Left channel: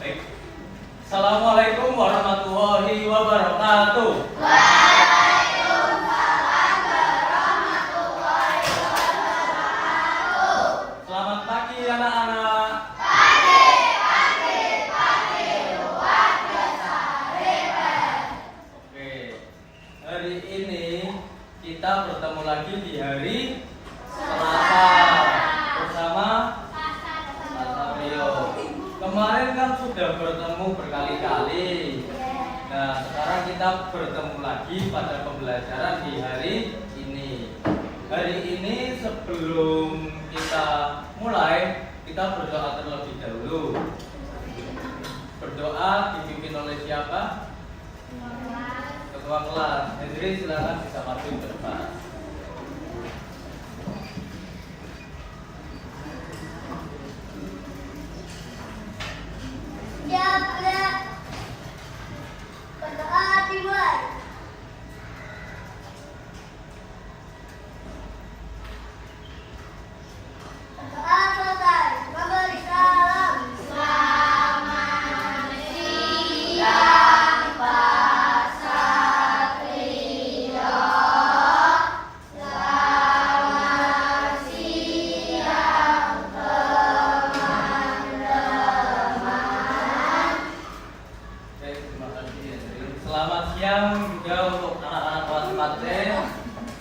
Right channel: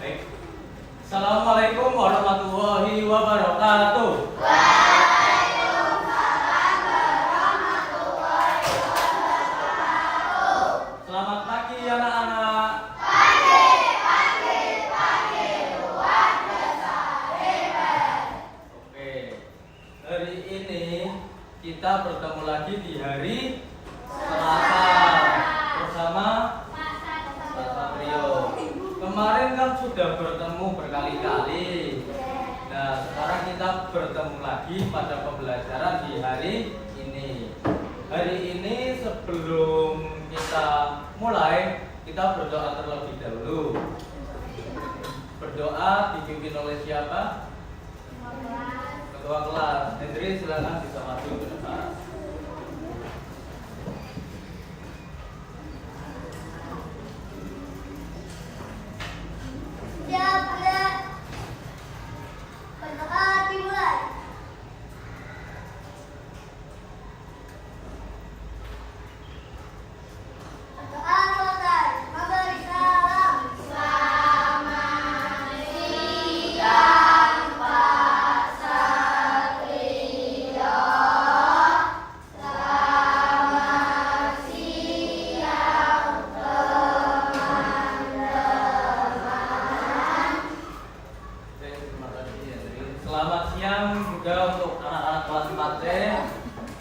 Baik. Assalamualaikum warahmatullahi wabarakatuh. Selamat pagi anak-anak. Oke. Hari ini kita bertemu lagi di hari Selasa bersama Pak Rio. Kemarin kan sudah bertemu berkali-kali. Nah, sekarang kita bertemu lagi pada pembelajaran di hari ini. Hari ini sebelum kita mulai, kita berdoa terlebih dahulu. Berdoa dipimpin oleh siapa? Ketua kelas. Hadirin silakan bisa maju ke depan.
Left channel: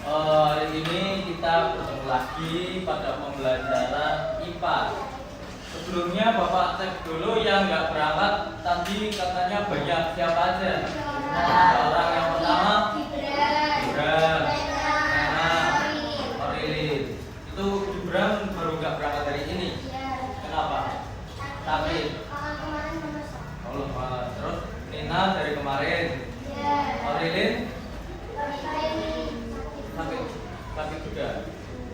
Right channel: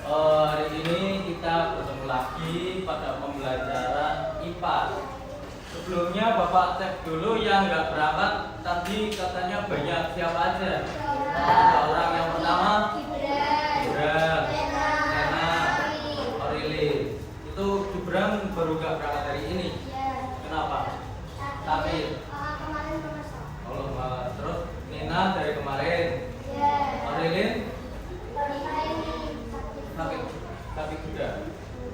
Hari ini kita bertemu lagi pada pembelajaran IPA. Sebelumnya Bapak cek dulu yang nggak berangkat tadi katanya banyak siapa aja? Orang yang pertama Gibran, Nena, Aurelin. Itu Gibran baru nggak berangkat hari ini. Kenapa? Sakit. Allah malah. Terus Nena dari kemarin. Aurelin sakit juga.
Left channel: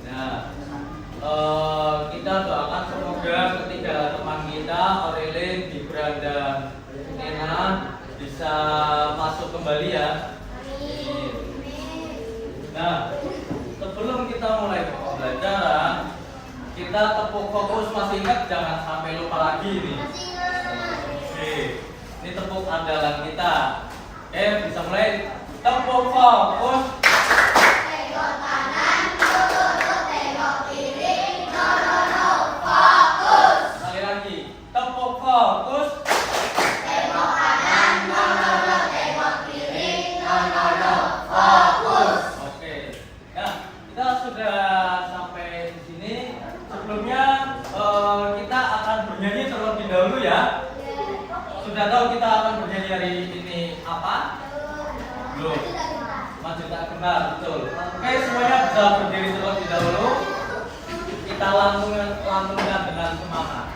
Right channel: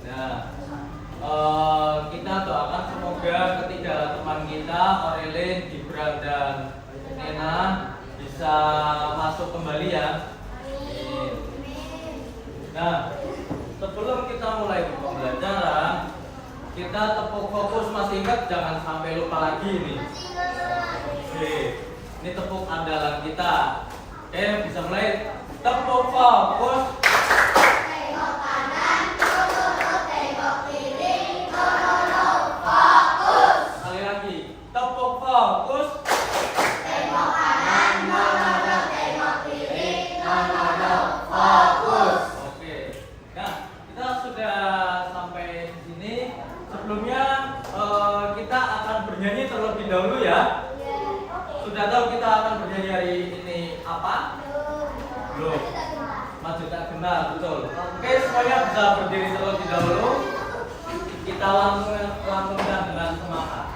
Nah, kita doakan semoga ketiga teman kita Aurelin, Gibran dan Nena bisa masuk kembali ya. Nah, sebelum kita mulai pembelajaran, kita tepuk fokus. Masih ingat? Jangan sampai lupa lagi ini. Oke, ini tepuk andalan kita. Bisa mulai. Tepuk fokus. Fokus. Tengok kanan, no, tengok kiri, no, fokus. Oke. Nah, kita sudah sampai di sini. Sebelumnya kita akan bernyanyi terlebih dahulu ya. Sudah tahu kita akan bernyanyi hari ini apa? Belum. Maju tak kenal, betul. Oke, semuanya bisa berdiri terlebih dahulu. Kita langsungkan dengan semangat.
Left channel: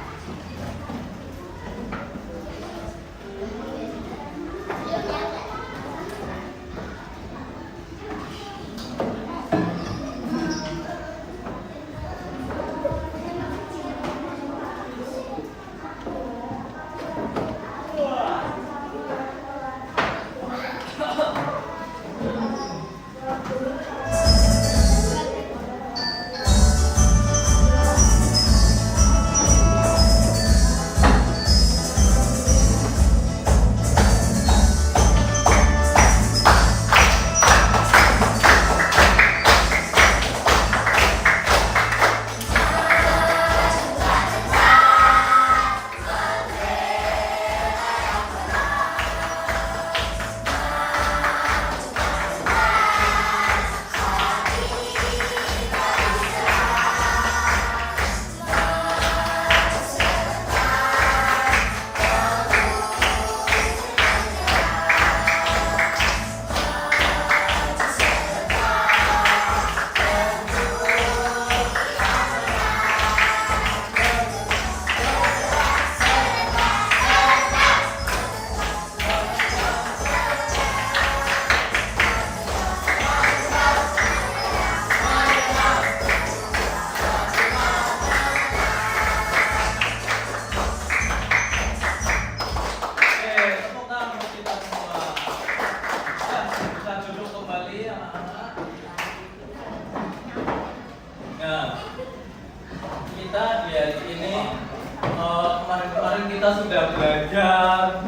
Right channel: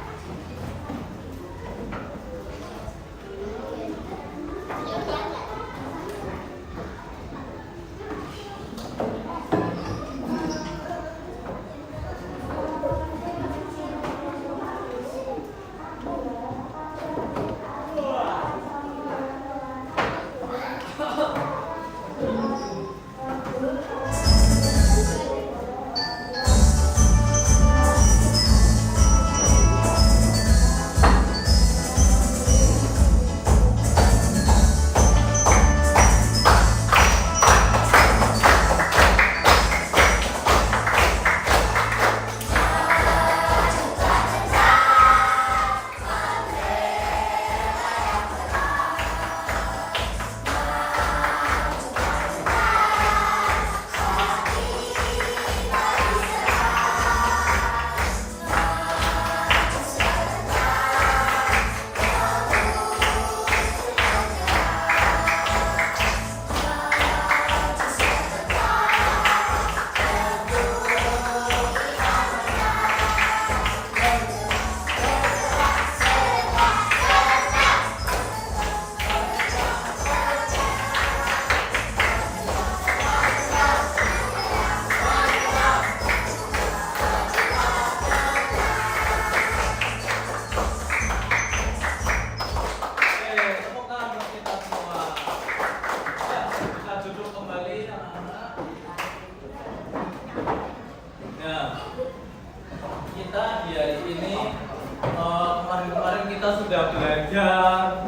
belajar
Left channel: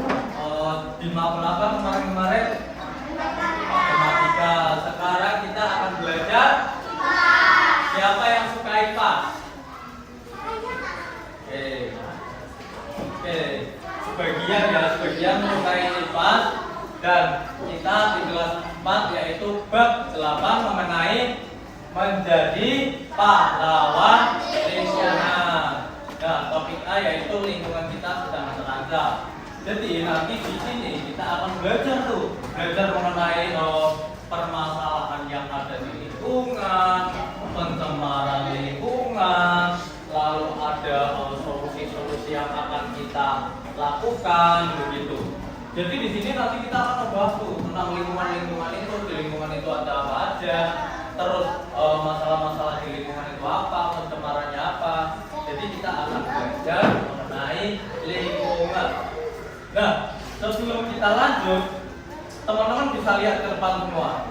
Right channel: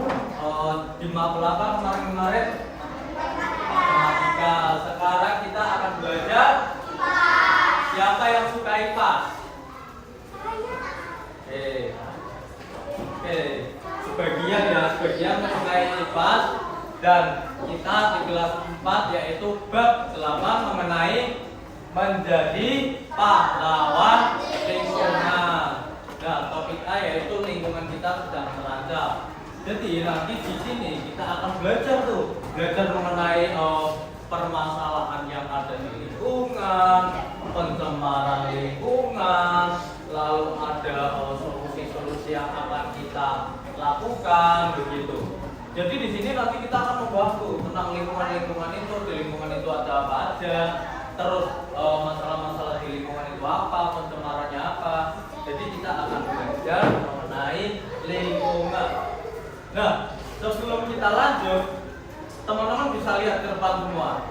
di mapel apa kemarin-kemarin? Matematika. Sekarang kita akan belajar siapa yang suka IPA? Oke. Sebagian menyukai IPA dan kita di kelas 4 yaitu bab 8 mengenai menjadi pahlawan lingkungan. Nah, topik A yaitu lingkungan kita sedang terancam. Jadi nanti di sini kita akan belajar mengenai permasalahan yang ada di lingkungan, pencemaran lingkungan, lalu ada solusi-solusi yang akan kita lakukan begitu. Jadi di sini nanti kita akan membahas tentang lingkungan itu, di lingkungan itu ada apa aja, terus masalah-masalah di lingkungan itu apa, pencemarannya apa. Jadi kita akan belajar mengenai lingkungan. Nah, sebelum kita lanjut, teman-teman bisa lihat ke depan semua.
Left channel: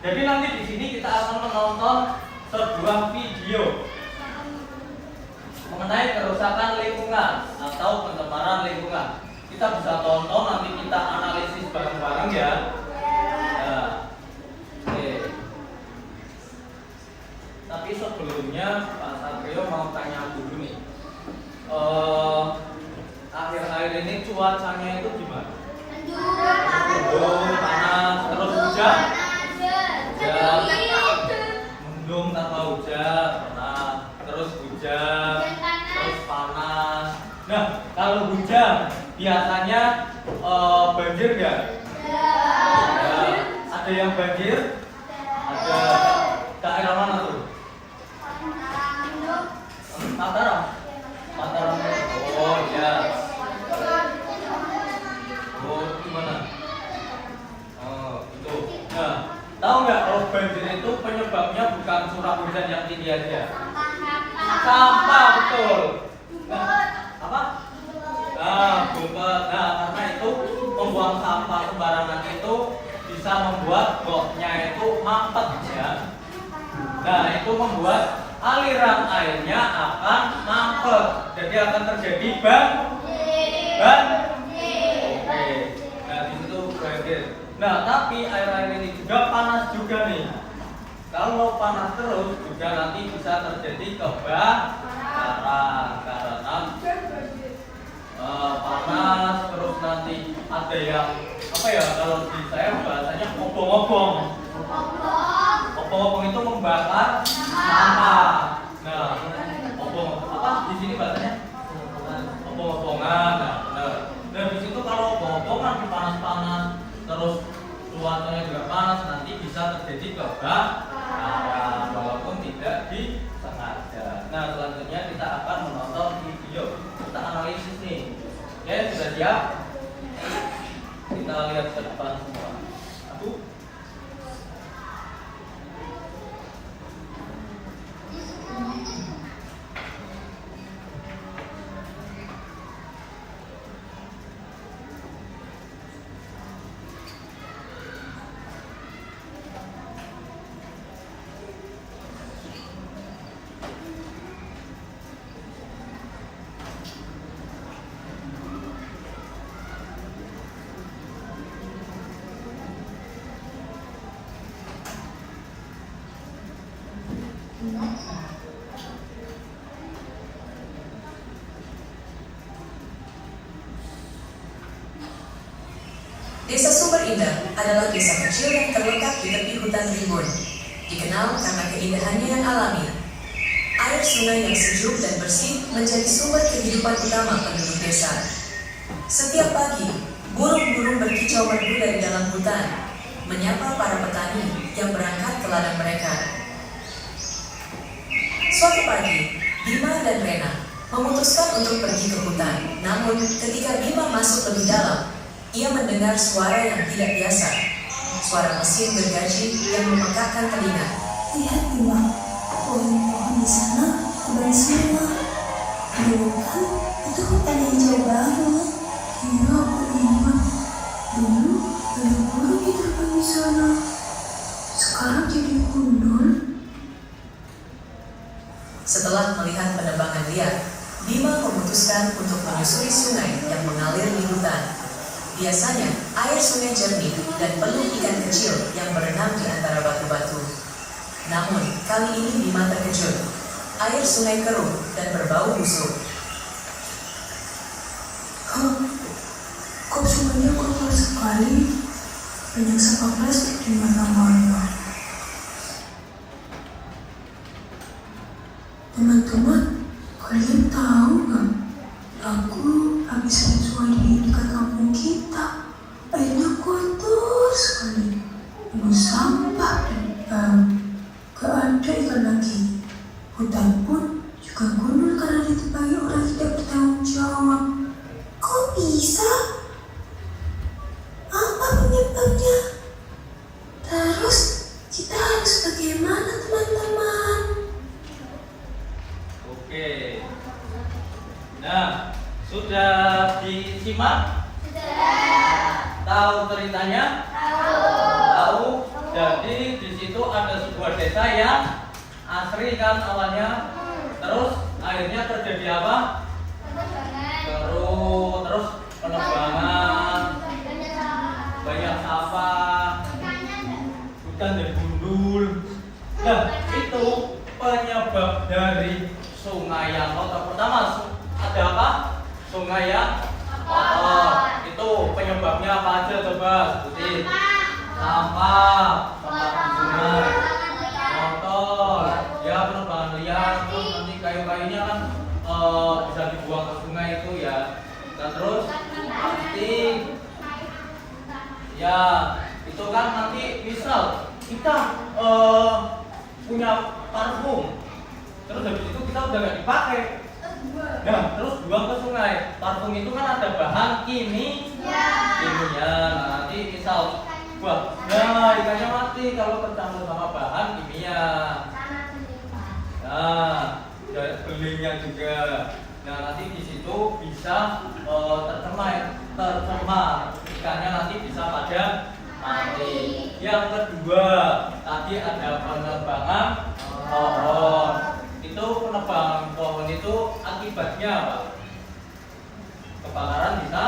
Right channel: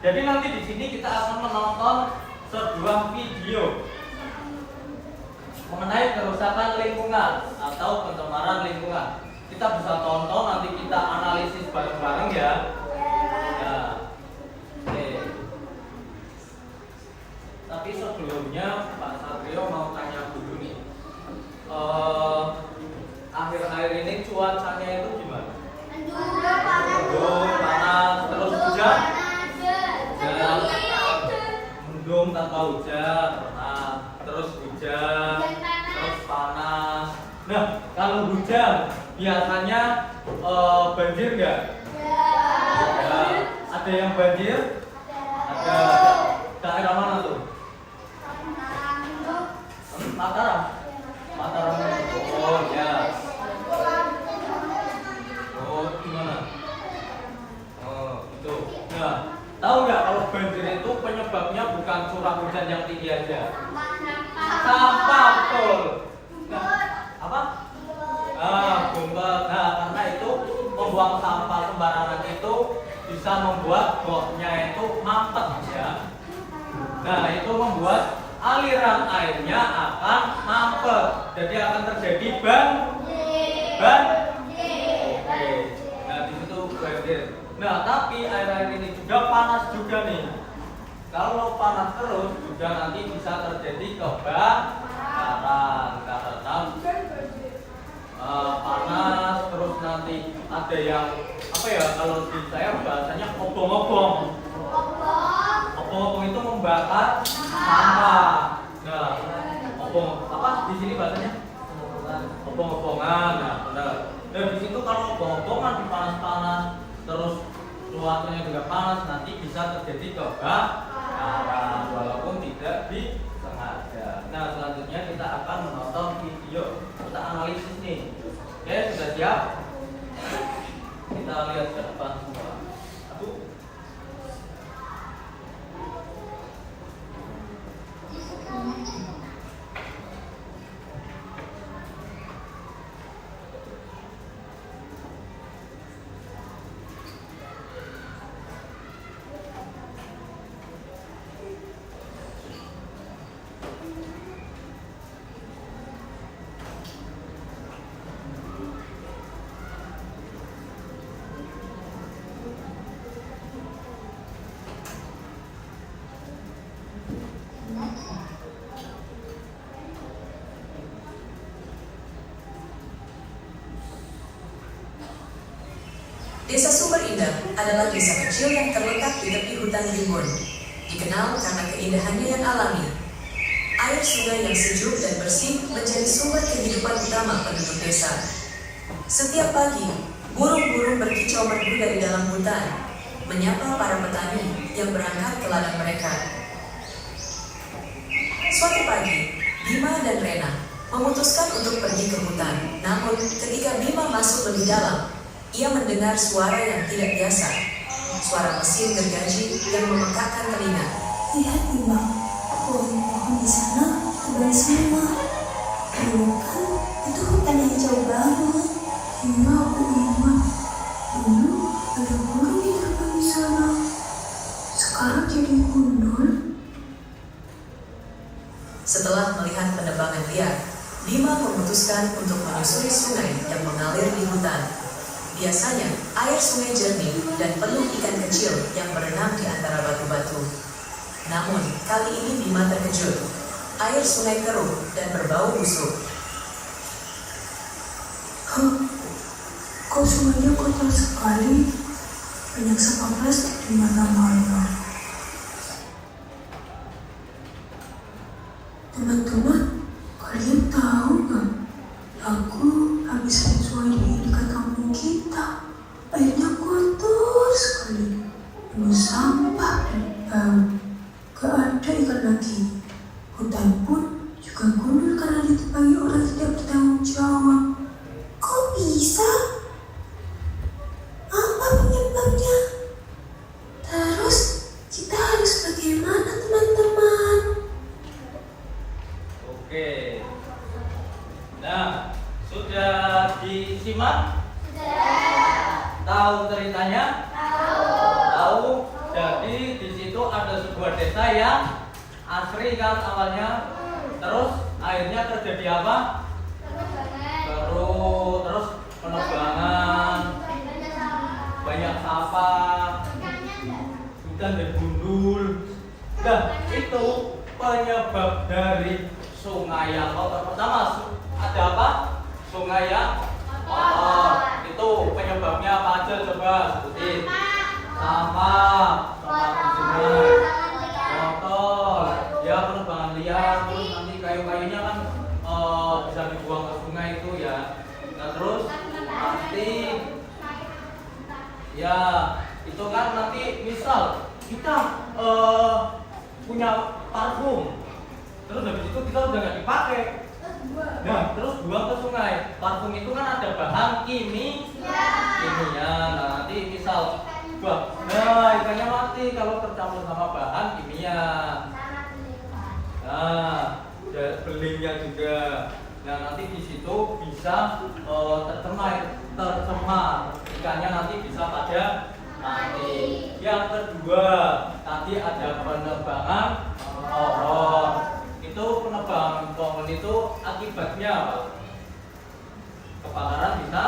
Jadi nanti di sini kita akan menonton sebuah video mengenai kerusakan lingkungan atau pencemaran lingkungan. Kita bisa tonton, nanti kita analisis bareng-bareng ya. Nah, oke. Tapi sebelumnya Pak Satrio mau tanya dulu nih. Akhir-akhir ini cuacanya itu gimana? Mendung, panas, terus hujan. Mendung tanpa hujan, panas, terus hujan, terus panas. Nah, kalau hujan biasanya banjir nggak? Ada yang banjir? Ada. Daerah mana tuh? Mataram. Mataram. Oh ya. Oh gimana? Oh itu. Nah, tahu nggak kalau banjir itu penyebabnya bukan curah hujan yang tinggi aja? Sampah, betul. Apa? Bumpet. Nah, karena itu membuang sampah sembarangan itu bisa membuat goknya itu mampet ya. Nah, itu membuat aliran airnya akan mampet. Jadi akan terjadi Oke. Nah, di situ banjir. Nah, tapi air-air ini juga panas juga nih. Kalau panas terus juga nanti bisa terjadi kebakaran karena panas terus nanti ada yang apa ya, kalau di saya bahasanya obong-obong. Obong-obong itu membakar sampah. Nah, obong apa di sini bahasanya? Obong-obongan. Nah, benar. Nah, di situ kalau obong-obongan di panas-panas terus cuacanya juga panas, nanti bisa terjadi kebakaran walaupun tidak disengaja. Nah, selanjutnya kita akan menonton video, kita analisis nih. Oke, sudah siap? Kita lihat ke depan semua. Aku Desa Sumber Indah adalah desa kecil yang terletak di tepi hutan rimbun. Dikenal karena keindahannya yang alami. Air sungai yang sejuk dan bersih menjadi sumber kehidupan utama penduduk desa. Setiap pagi, burung-burung berkicau merdu dari dalam hutan, menyapa para petani yang berangkat ke ladang mereka. Suatu pagi, Bima dan Rena memutuskan untuk pergi ke hutan. Namun, ketika Bima masuk lebih dalam, ia mendengar suara yang tidak biasa. Suara mesin gergaji yang memekakkan telinga. Lihat Bima, pohon-pohon di sana tebal semua. Dulu kan itu hutan yang jauh banget. Iya, aku ingat. Dulu ada burung di terbang di sana. Sekarang jadi gundul. Setelah melihat penebangan liar, Bima memutuskan untuk menyusuri sungai yang Biasanya, air sungai jernih dan penuh ikan kecil yang berenang di antara batu-batu. Namun, kali ini Bima terkejut. Air sungai keruh dan berbau busuk. Kok sungainya kotor sekali? Banyak sampah plastik di mana-mana. Teman-teman, kalian tahu nggak? Aku habis lihat sungai di dekat kampung kita. Airnya kotor sekali, penuh sampah dan bau. Gak ada ikan lagi. Hutan pun juga gundul karena ditebangi orang tidak bertanggung jawab. Kok bisa? Apa penyebabnya? Terus kita harus bagaimana, teman-teman? Oke. Nah, sudah disimak? Tahu ceritanya? Tahu. Jadi di situ ada sebuah desa yang asri kan awalnya. Terus akhirnya terjadi apa? Terus penebangan, banyak sampah, hutan dan gundul. Nah, itu penyebab dari sungai yang kotor. Pertama, ada apa? Sungai yang kotor. Itu penyebabnya apa aja coba sebutin. Sampah di sungai, kotor, ya penebangan liar, terus nanti kayu-kayunya kan bisa dibuang ke sungai itu ya. Nah, terus plastik, ya itu kan nanti misal kita punya parfum, terus habis itu kita udah gak dipakai. Nah, terus buang ke sungai. Parfum itu kan ada bahan kimia. Nah, nanti misal ikannya mati kalau tercampur sama bahan kimia. Nah, belingnya juga. Nah, nanti di situ bisa tercemar. Ikannya nanti bisa pada mati. Yang kedua, tadi ada penebangan pohon. Itu penebangan pohon itu akibatnya apa? Kebakaran bisa?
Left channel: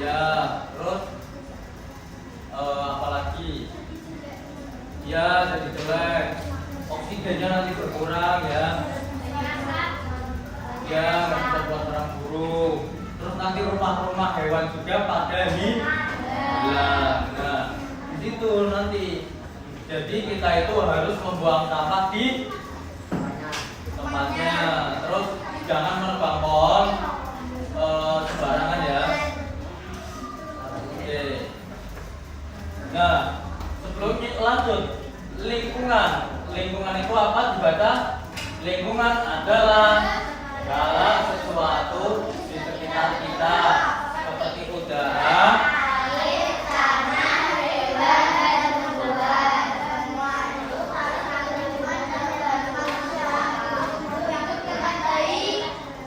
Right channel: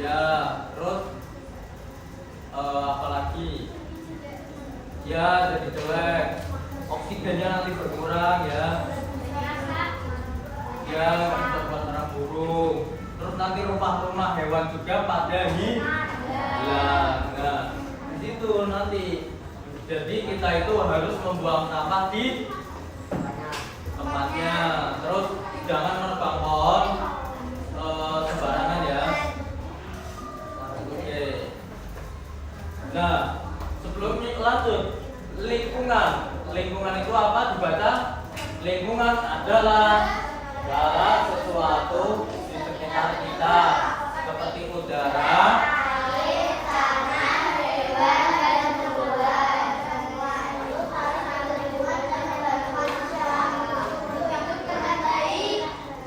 Ya, terus apalagi? Ya, jadi jelek. Oksigennya nanti berkurang ya. Ya, nggak bisa buat sarang burung. Terus nanti rumah-rumah hewan juga pada hilang. Nah, di situ nanti. Jadi kita itu harus membuang sampah di tempatnya. Terus jangan menebang pohon sembarangan ya. Oke. Nah, sebelum lanjut, lingkungan itu apa dibaca? Lingkungan adalah segala sesuatu di sekitar kita, seperti udara,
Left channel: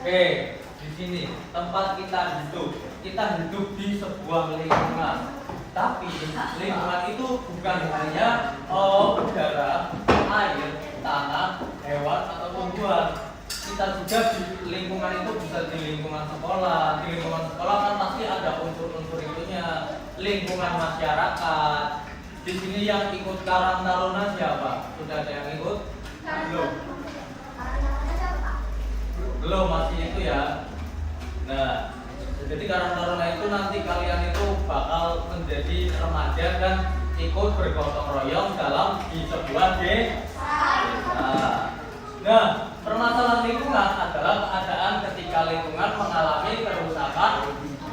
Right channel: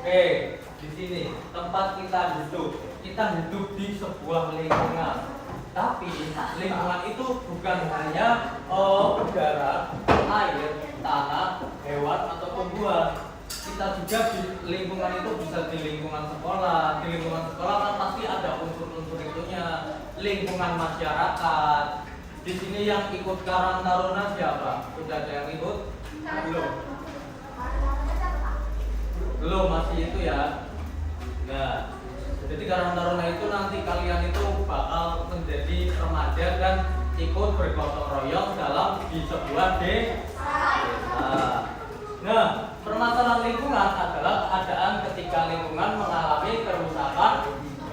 oke, di sini tempat kita hidup. Kita hidup di sebuah lingkungan. Tapi lingkungan itu bukan hanya udara, air, tanah, hewan atau tumbuhan. Kita juga di lingkungan itu bisa di lingkungan sekolah. Di lingkungan sekolah kan pasti ada unsur-unsur itunya. Lingkungan masyarakat. Di sini yang ikut Karang Taruna siapa? Sudah ada yang ikut? Belum. Belum, masih itu ya. Nah, jadi Karang Taruna itu nanti kalian itu bakal menjadi remaja dan ikut bergotong royong dalam di sebuah desa. Nah, permasalahan lingkungan adalah keadaan ketika lingkungan mengalami kerusakan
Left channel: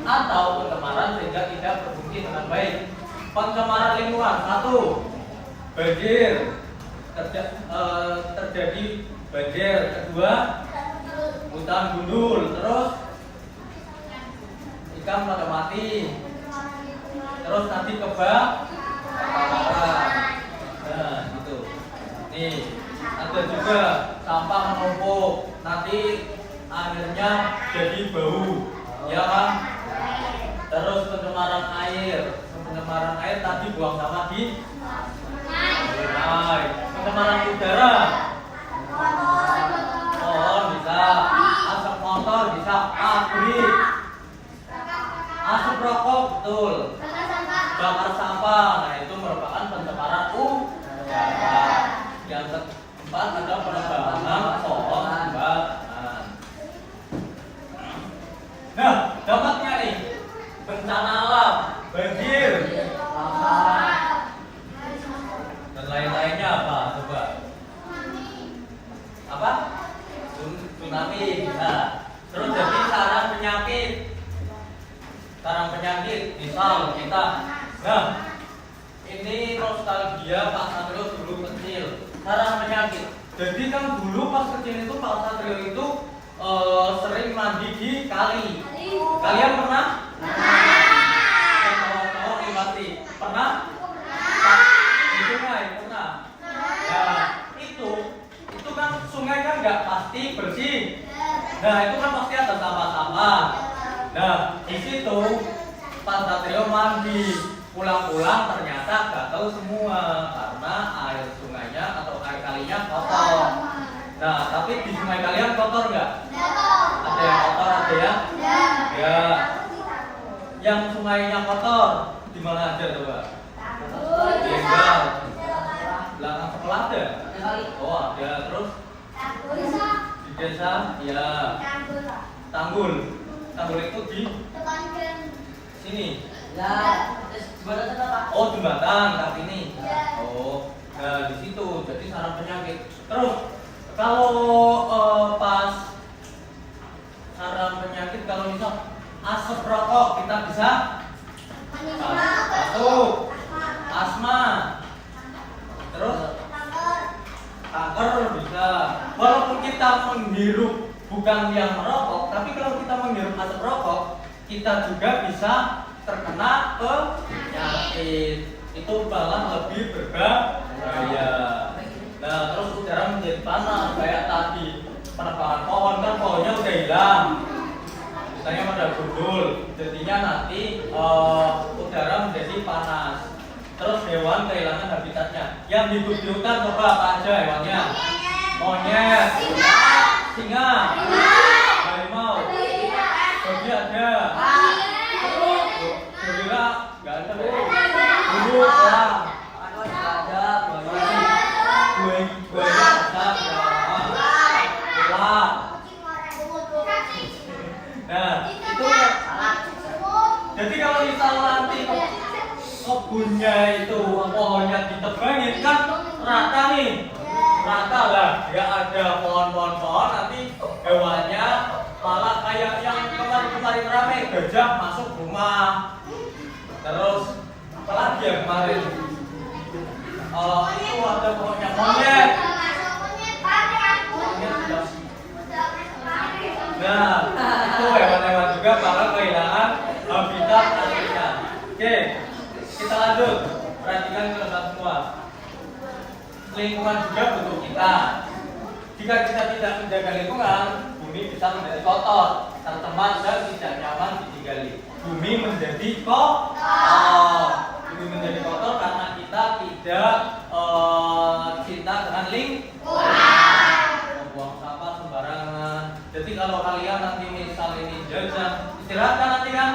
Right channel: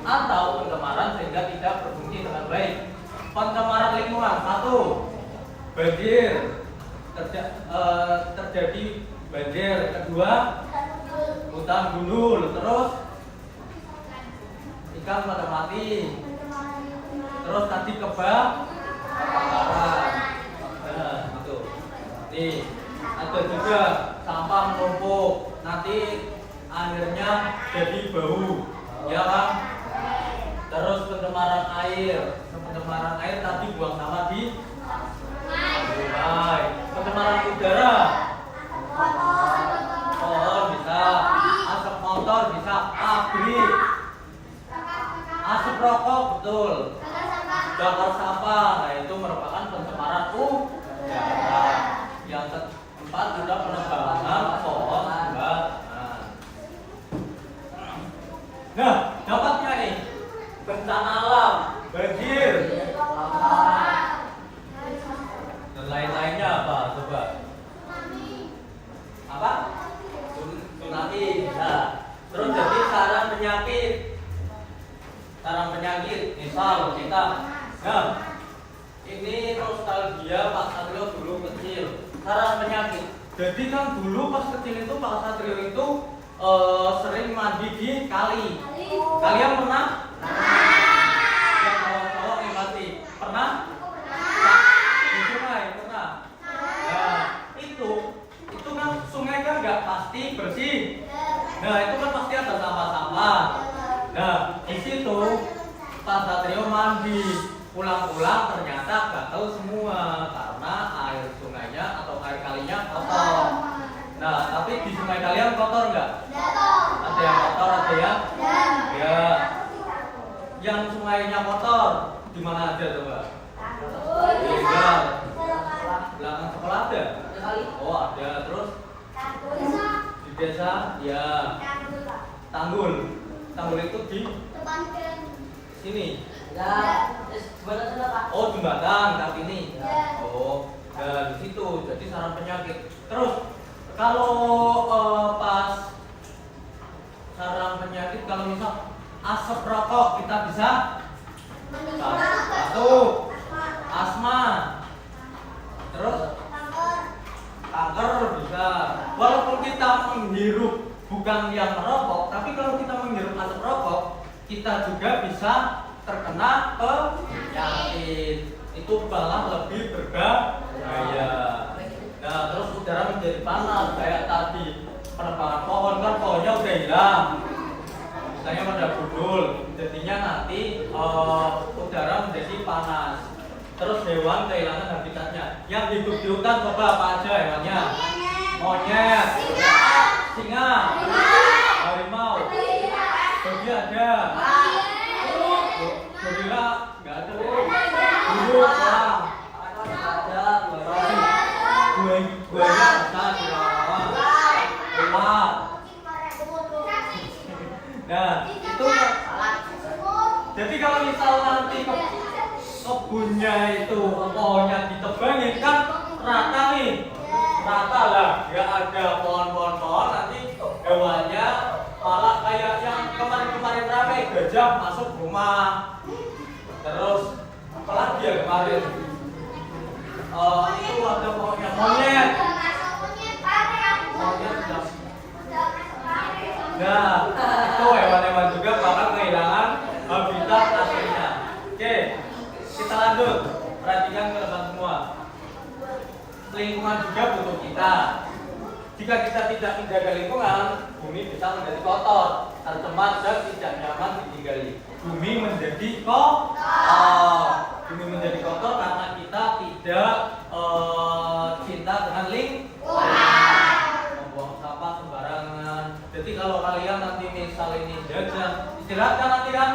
atau pencemaran sehingga tidak berfungsi dengan baik. Pencemaran lingkungan, satu, banjir, terjadi banjir. Kedua, hutan gundul. Terus ikan pada mati. Terus tadi kebakaran. Nah, gitu. Nih, ada juga sampah menumpuk. Nanti airnya jadi bau, ya kan? Terus pencemaran air. Pencemaran air tadi buang sampah di sungai. Pencemaran udara. Pohon bisa, asap motor bisa, pabrik. Asap rokok, betul. Bakar sampah. Bakar sampah, nah itu merupakan pencemaran udara. Yang keempat ada penebangan pohon tumbang. Nah, dampaknya nih bencana alam, banjir, dan lain-lainnya apa? Coba. Apa? Tsunami. Nah, terus jadi sarang penyakit. Sarang penyakit, misal kita. Nah, ini nostalgia Pak Satrio dulu kecil. Sarang penyakit. Jadi kan dulu pas kecil itu Pak Satrio itu sering mandi di kali. Kalian pernah? Yang cowok-cowok nih pasti pernah? Di sungai pernah? Nah, itu kan sungai kan nggak pasti bersih. Nah, itu kan pasti ada sampah-sampah. Nah, di situ Pak Satrio mandi, pulang-pulang ternyata gatal semua karena air sungainya atau air kalinya kotor. Nah, tapi di sungai kalian kotor nggak? Ada yang kotor, ada yang ya. Yang sungainya kotor di mana aja coba? Tinggal belakang sekolah ada. Oh ada, terus di desa ya. Tanggul itu di sini. Oh jembatan tapi ini. Oh, nah di situ jadi sarang penyakit. Terus kalau pas sarang penyakit, kalau misal asap rokok kita bisa batuk, asma, terus kanker bisa. Walaupun kita menghirup bukan yang merokok, tapi kalau kita menghirup asap rokok, kita juga bisa terkena penyakit. Itu malah lebih berbahaya. Nah, terus udara menjadi panas kayak tadi penebangan pohon, kan pohonnya udah hilang, misalnya pada gundul, jadinya nanti udara menjadi panas. Terus hewan kehilangan habitatnya. Yang hidup di hutan coba apa aja hewannya? Monyet, singa, harimau, babi ada, gorila nggak ada, burung, orang, ada, buaya besar, ular. Nah, itu jadi kalau misal nanti kebunnya itu pohonnya ditebangin kan rata nih, rata lah, ya ada pohon-pohon, nanti hewannya malah kayak yang kemarin-kemarin rame, gajah masuk rumah. Terus apalagi ya kemarin itu ada pokoknya monyet. Nah, itu hewan-hewan juga bakal kehilangan habitat aslinya. Oke, kita lanjut. Perhatikan teman-teman semua. Lingkungan juga butuh kita. Jika kita tidak menjaga lingkungan, bumi bisa menjadi kotor, tercemar dan tidak nyaman ditinggali. Bumi menjadi kotor. Bumi menjadi kotor karena kita tidak cinta dengan lingkungan. Buang sampah sembarangan. Jadi kalau kalian nanti misal ini jajan, istirahatkan nanti kan?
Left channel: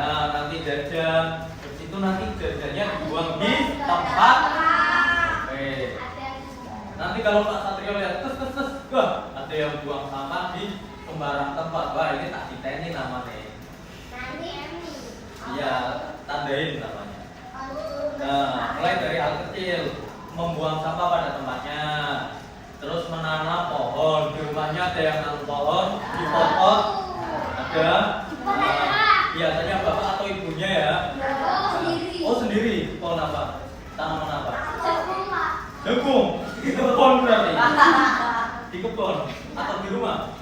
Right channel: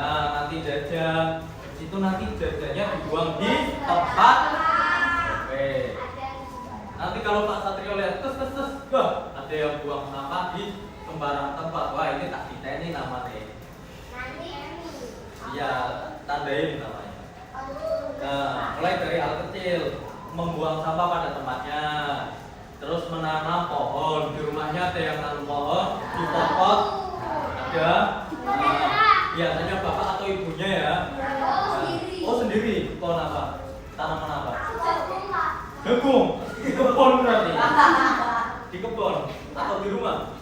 Nah, nanti jajan, itu nanti jajannya dibuang di tempat. Oke. Nanti kalau Pak Satrio lihat, wah, ada yang buang sampah di sembarang tempat. Wah, ini tak diteni namanya. Iya, tandain namanya. Nah, mulai dari hal kecil, membuang sampah pada tempatnya. Terus menanam pohon, di rumahnya ada yang nanam pohon, dipotong, ada. Biasanya bapak atau ibunya ya. Oh sendiri, pohon apa? Tanaman apa? Jagung. Di kebun berarti. Di kebun atau di rumah?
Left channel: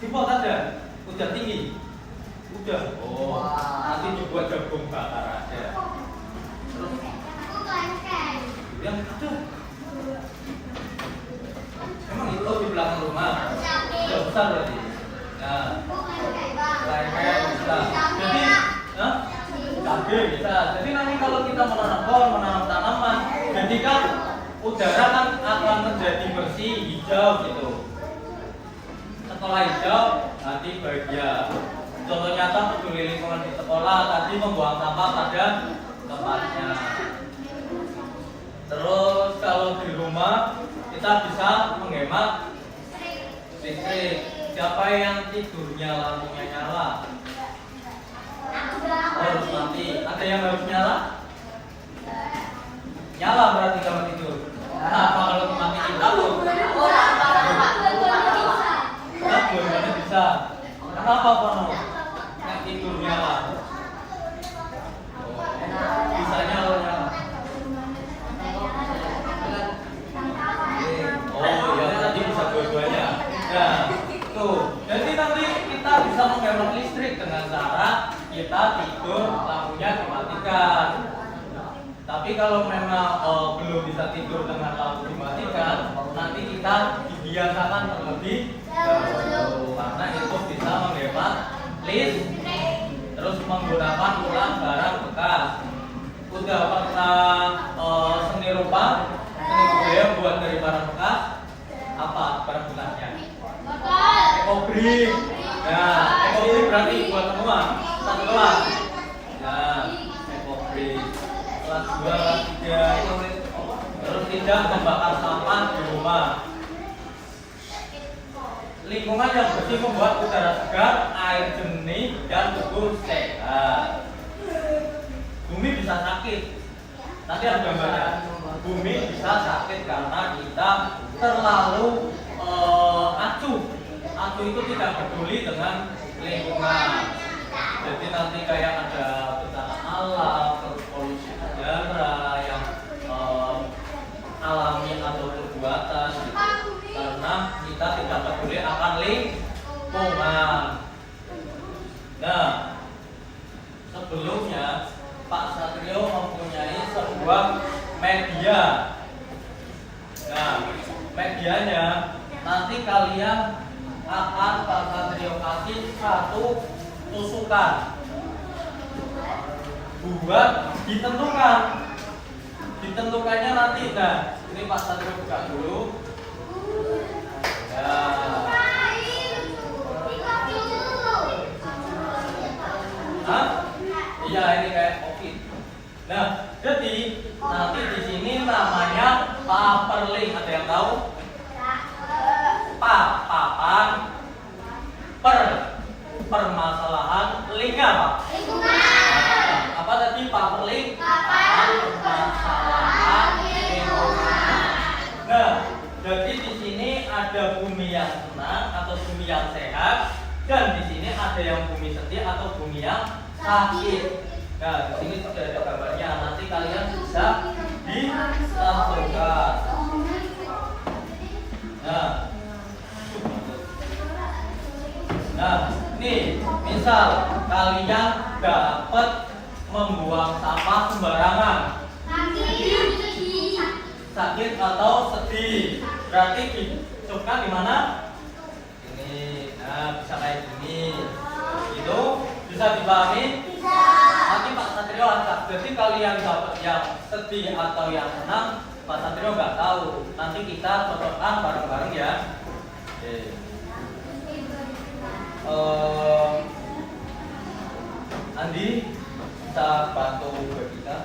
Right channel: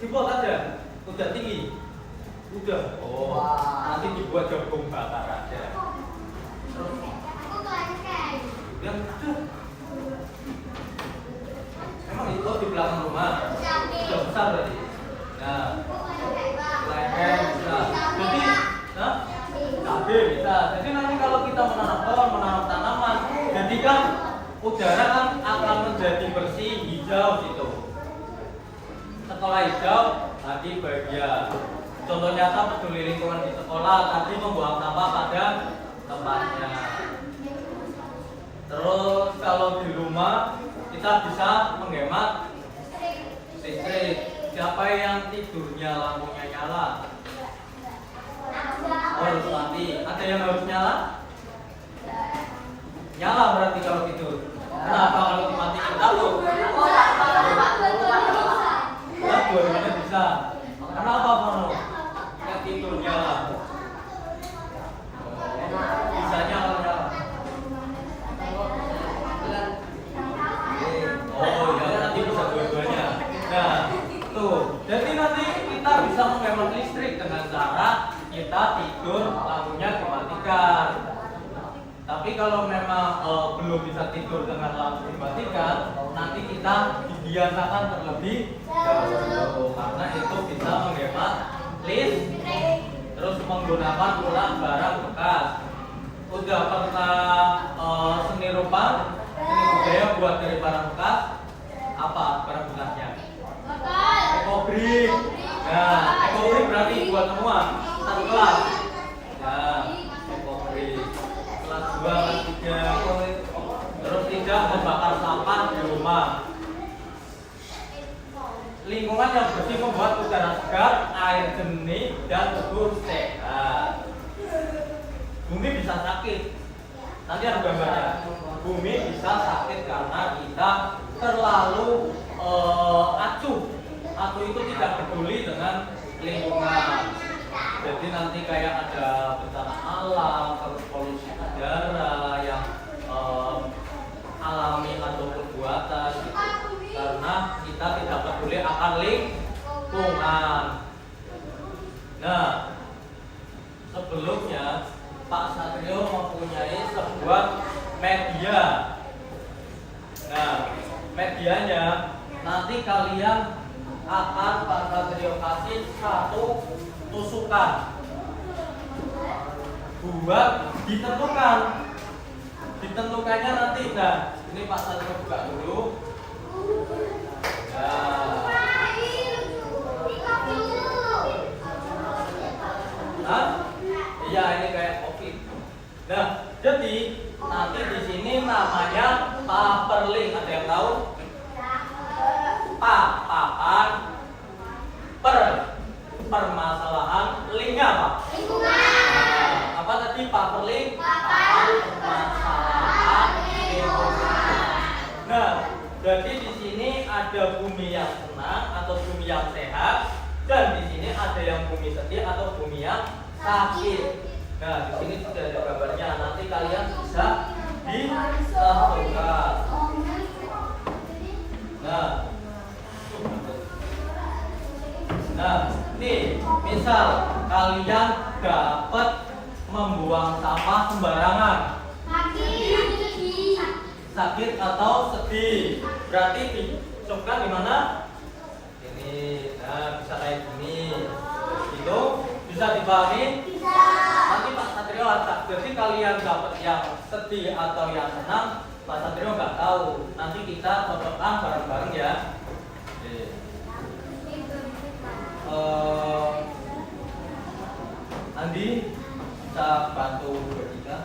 Di pot ada. Udah tinggi. Udah. Oh, nanti dibuat jagung bakar aja. Terus yang itu. Emang itu di belakang rumah. Sudah besar berarti. Nah, lengkeng bisa. Jadi, cabai bisa. Jadi nanti kalau kita menanam pohon, menanam tanaman, jadi kan udara kan akan menjadi bersih, hijau gitu. Setelah hijau, nanti bahagia. Contoh nyata peduli lingkungan di sekolah tadi membuang sampah pada tempatnya. Terus kalau di rumah kita bisa menghemat listrik. Siapa yang tidurnya lampunya nyala? Harus mati. Ada yang harus nyala? Nyala berarti kalau tidur. Kenapa kalau dimatiin? Takut. Dua-duanya bisa. Kenapa Pono? Yang tidur nyala. Bisa nyala nyala. Oh ya nanti bisa dua-duanya. Nah tuh. Jadi nanti kita bisa menghemat listrik dengan cara kita tidur lampunya dimatikan. Tapi kalau memang belum bisa tidur dengan lampu dimatikan, nanti kita dibiasakan terlebih dahulu karena itu bisa menghemat listrik. Terus menggunakan ulang barang bekas. Udah pernah seni rupa, seni budaya buat dari barang bekas? Apa barang bekasnya? Ekobrik. Nah, ekobrik berarti buat semua satu kelas. Nah, ekobrik. Kelas 2, kelas 3. Terus tidak membakar sampah di rumah. Lingkungan yang bersih membuat udara segar, air jernih, dan tubuh sehat. Bumi bisa sakit. Nanti ada gambarnya. Bumi bisa sakit karena kita terlalu acuh. Acuh itu tidak peduli dengan lingkungan. Jadi nanti kayak ada bencana alam, polusi udara yang alami atau perbuatan karena kita tidak peduli akan lingkungan. Nah, sebelumnya Pak Satrio mempunyai sebuah media. Nah, medianya nanti kalian akan Pak Satrio kasih satu tusukan buat ditentukan. Ditentukannya nanti. Nah, ini Pak Satrio buka dulu. Iya ini kayak kopi. Nah, jadi nanti di sini namanya paperling. Ada yang tahu? Papan. Permasalahan. Lingnya apa? Apa tadi paperling? Papan permasalahan lingkungan. Nah, jadi di sini ada bumi yang senang atau bumi yang sehat, dan di sini ada yang bumi sedih atau bumi yang sakit. Nah, di sini sudah ada gambarnya. Nanti kalian bisa dimasukkan. Nah, nih, misal kalian dapat membuang sampah sembarangan. Sakit atau sedih. Berarti dimasukkan di mana? Ini. Nah, bisa kayak gini. Itu bisa dipahami? Nanti Pak Satrio ada. Jadi kalian dapat yang sedih atau yang senang, Pak Satrio nggak tahu. Nanti kita cocokkan bareng-bareng ya. Andi bisa bantu bagikan.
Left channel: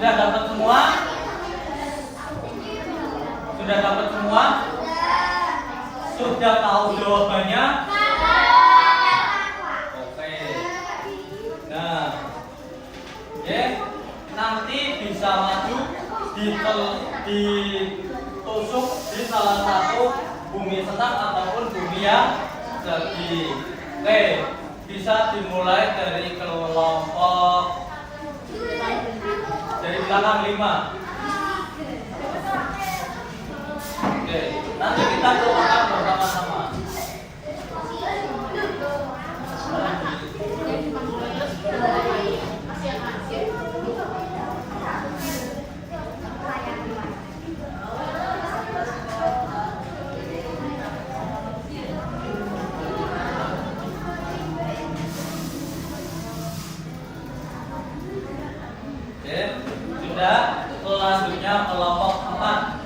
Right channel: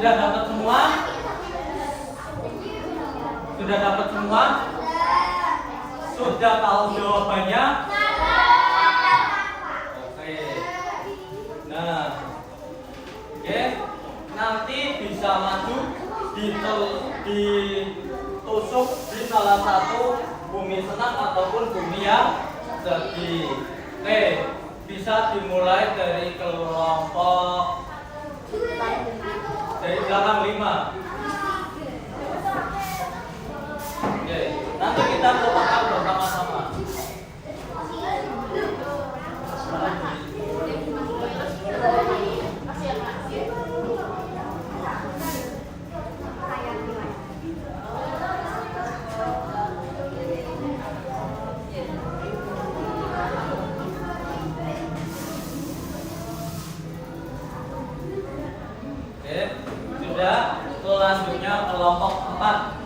Sudah dapat semua? Sudah dapat semua? Sudah tahu jawabannya? Oke. Nah, oke. Nanti bisa maju ditusuk di salah satu bumi senang ataupun bumi yang sedih. Oke, bisa dimulai dari kelompok dari belakang 5. Oke, nanti kita doakan bersama-sama. Oke, sudah. Selanjutnya kelompok 4.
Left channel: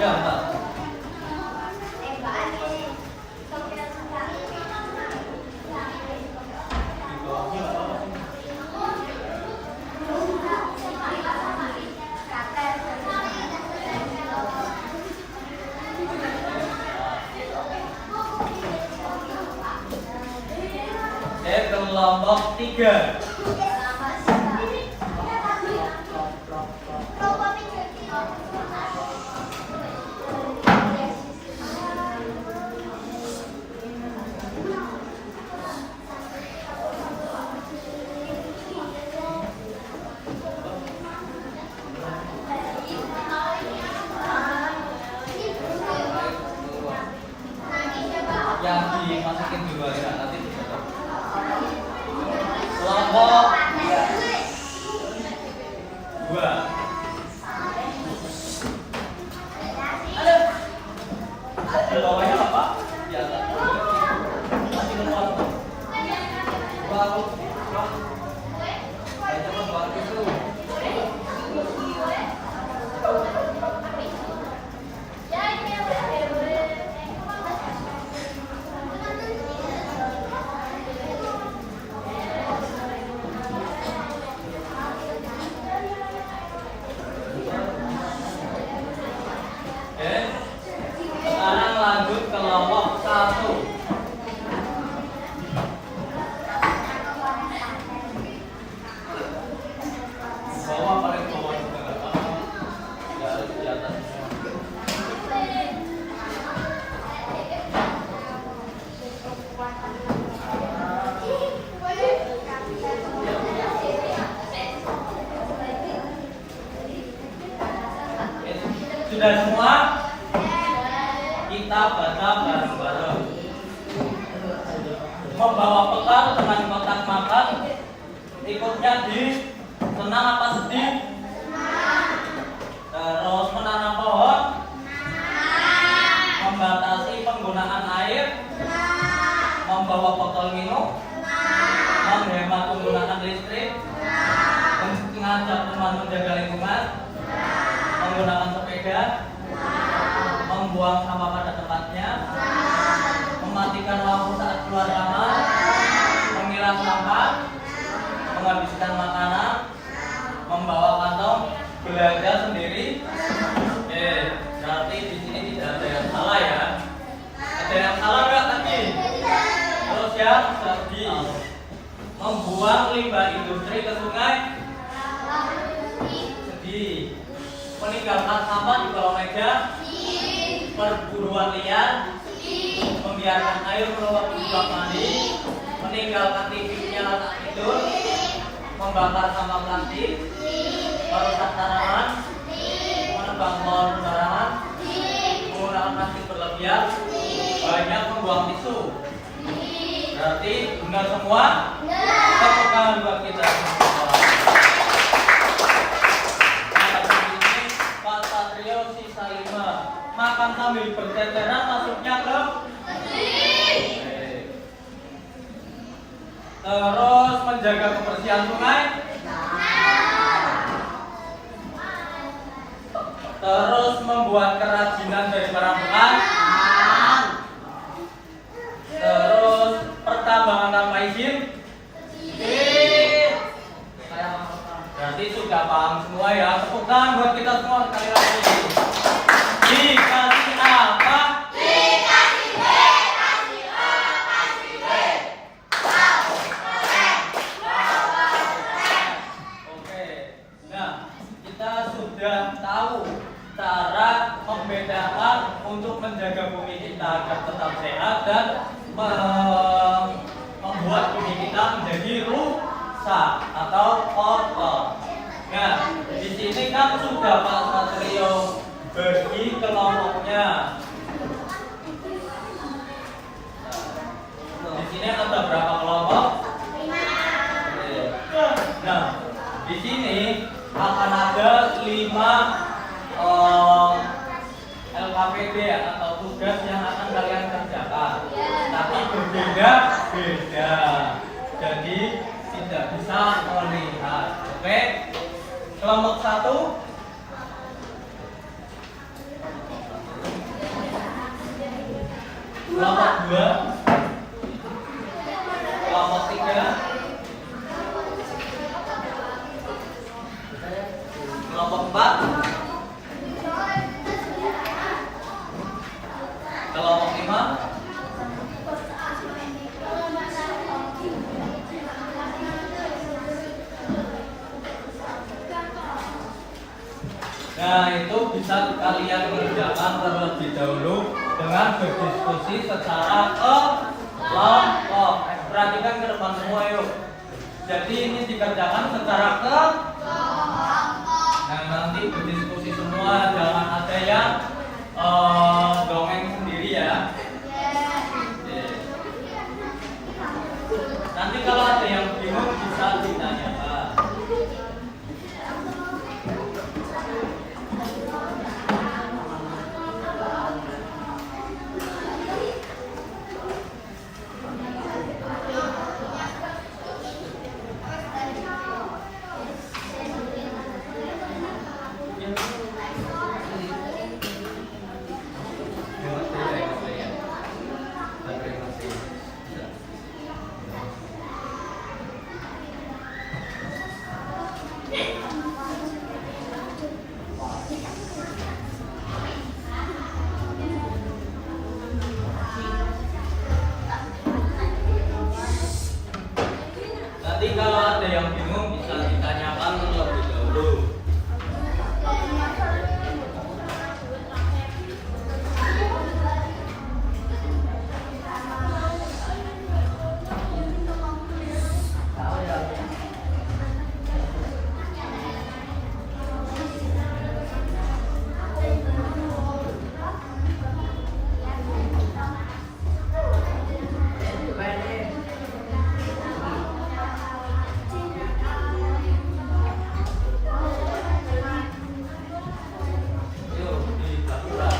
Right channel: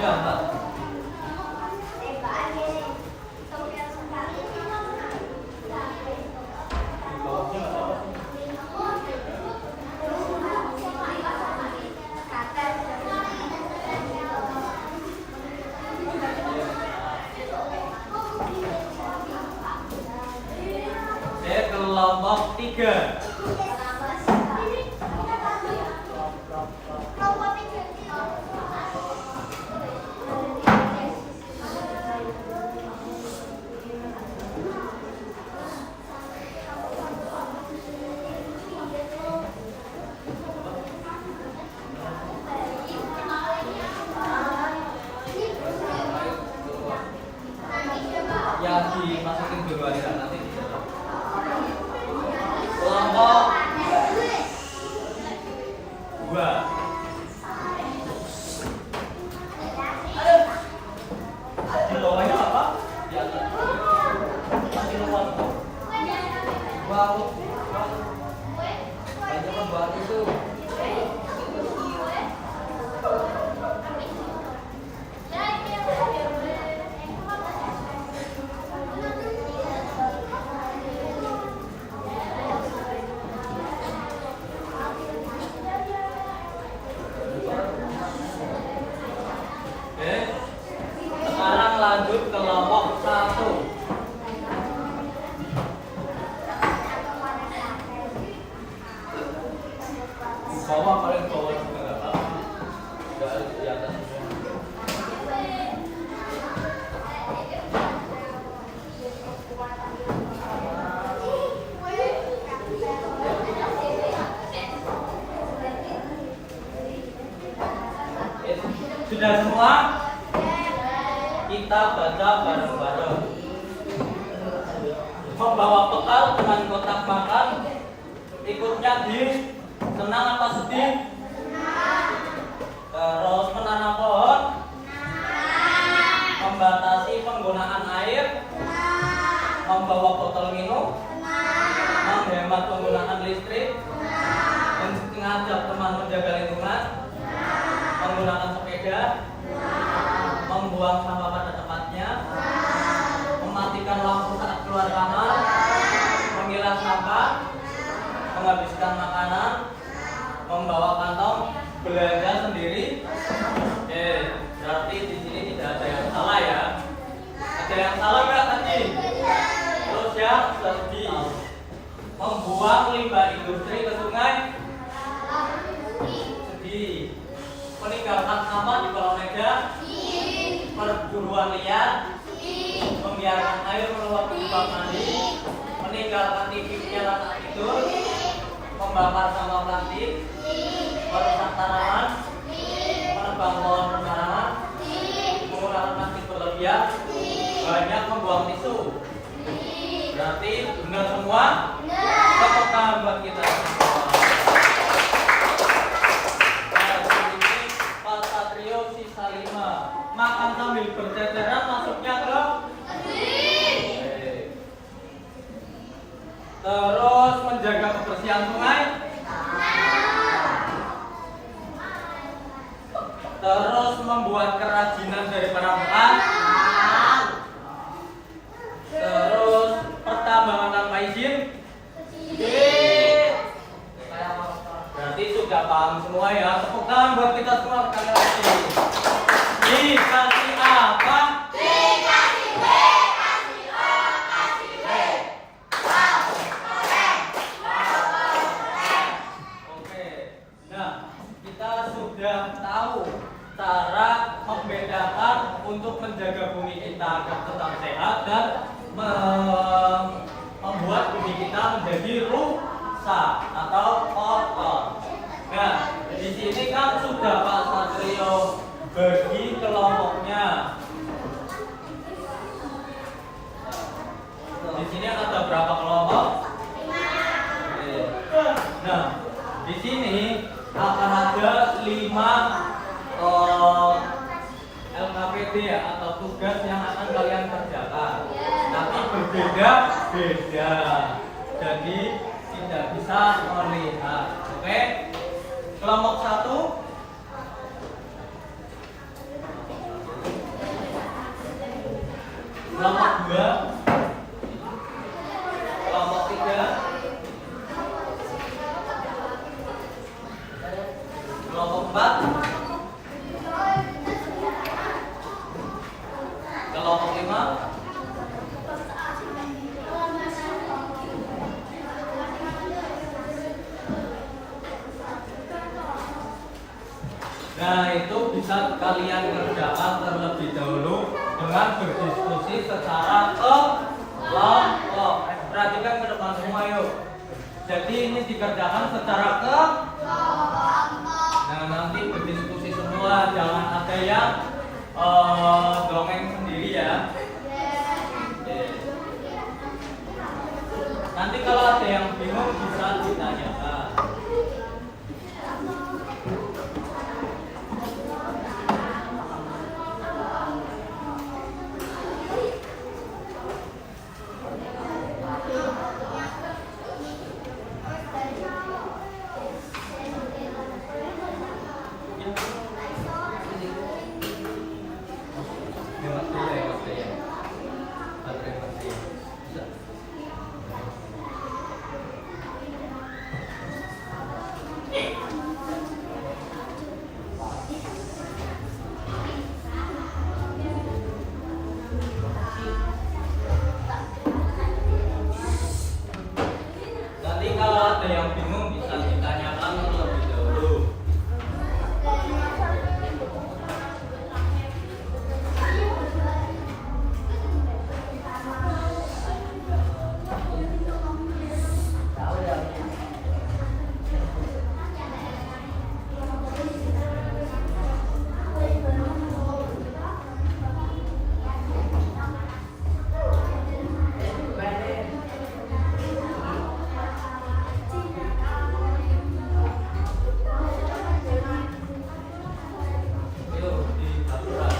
Ya, Pak. Kelompok 3. Yang dimasukin dulu aja nanti bisa tahu. Kelompok 2. Kelompoknya apa? Di atas. Masih kelompok. Wow. Ayo coba buat itu. Oke. Sekarang lanjut ke kelompok 1. Bawah paling bawah juga nggak apa-apa. Nggak harus di atas. Oke. Sudah semua? Kita baca bareng-bareng. Membawa bekal dengan kotak makan. Ikutnya di senang apa sedih? Terus menanam pohon. Membatasi penggunaan air. Membawa botol minum. Menghemat penggunaan listrik. Mengajak teman menjaga lingkungan. Menggunakan sepeda. Membuang sampah pada tempatnya. Mematikan lampu saat keluar kamar. Memilah sampah. Menghabiskan makanan. Membawa kantong belanja sendiri. Oke, berarti di sini tidak ada yang salah ya. Ada yang salah nggak tadi? Terus yang sedih. Membuang limbah industri ke sungai. Sedih. Meninggalkan sampah di kolong meja. Perburuan liar. Membiarkan air meluap di bak mandi. Meninggalkan TV nyala saat tidur. Membakar sampah plastik. Merusak tanaman. Menebang pohon sembarangan. Menggunakan plastik berlebihan. Banyak membuang tisu. Berarti benar semua? Tepuk tangan buat kita. Makan sambil berteteran masuknya ke terus menjaga kebersihan sungai, terus membuat kerajinan dari barang bekas, Berarti sudah paham semua ya. Tepuk tangan buat kita semua sekali lagi. Dikasih apa? Dikasih B, kasih O, kasih B. Wow, keren. Wow, keren. Oke. Nah, kita sudah tahu cara membedakan untuk menjaga bumi kita agar tetap sehat dan membuat bumi kita menjadi rusak atau kotor. Nah, di sini kan sudah Pak Satrio bagi kelompoknya. Di sini ada berapa kelompok? Nah, di sini akan ada 5 LKPD atau tugas yang akan kalian kerjakan. Tapi berbeda-beda. Jadi tidak bisa melihat. Oke? Kelompok 1. Kelompok 2. Kelompok 3. Kelompok 4. Kelompok 5. Nah, itu bisa kalian kerjakan terlebih dahulu dengan berdiskusi secara kelompok. Perhatikan ke depan semua yuk. Jadi ini dikerjakan secara kelompok. Nah, nanti berdiskusi semua, jangan ada yang dongeng sendiri ya. Nanti kalau ada yang bingung bisa ditanyakan. Nanti kalau ada yang bingung bisa ditanyakan terlebih dahulu. Yuk, dilakukan.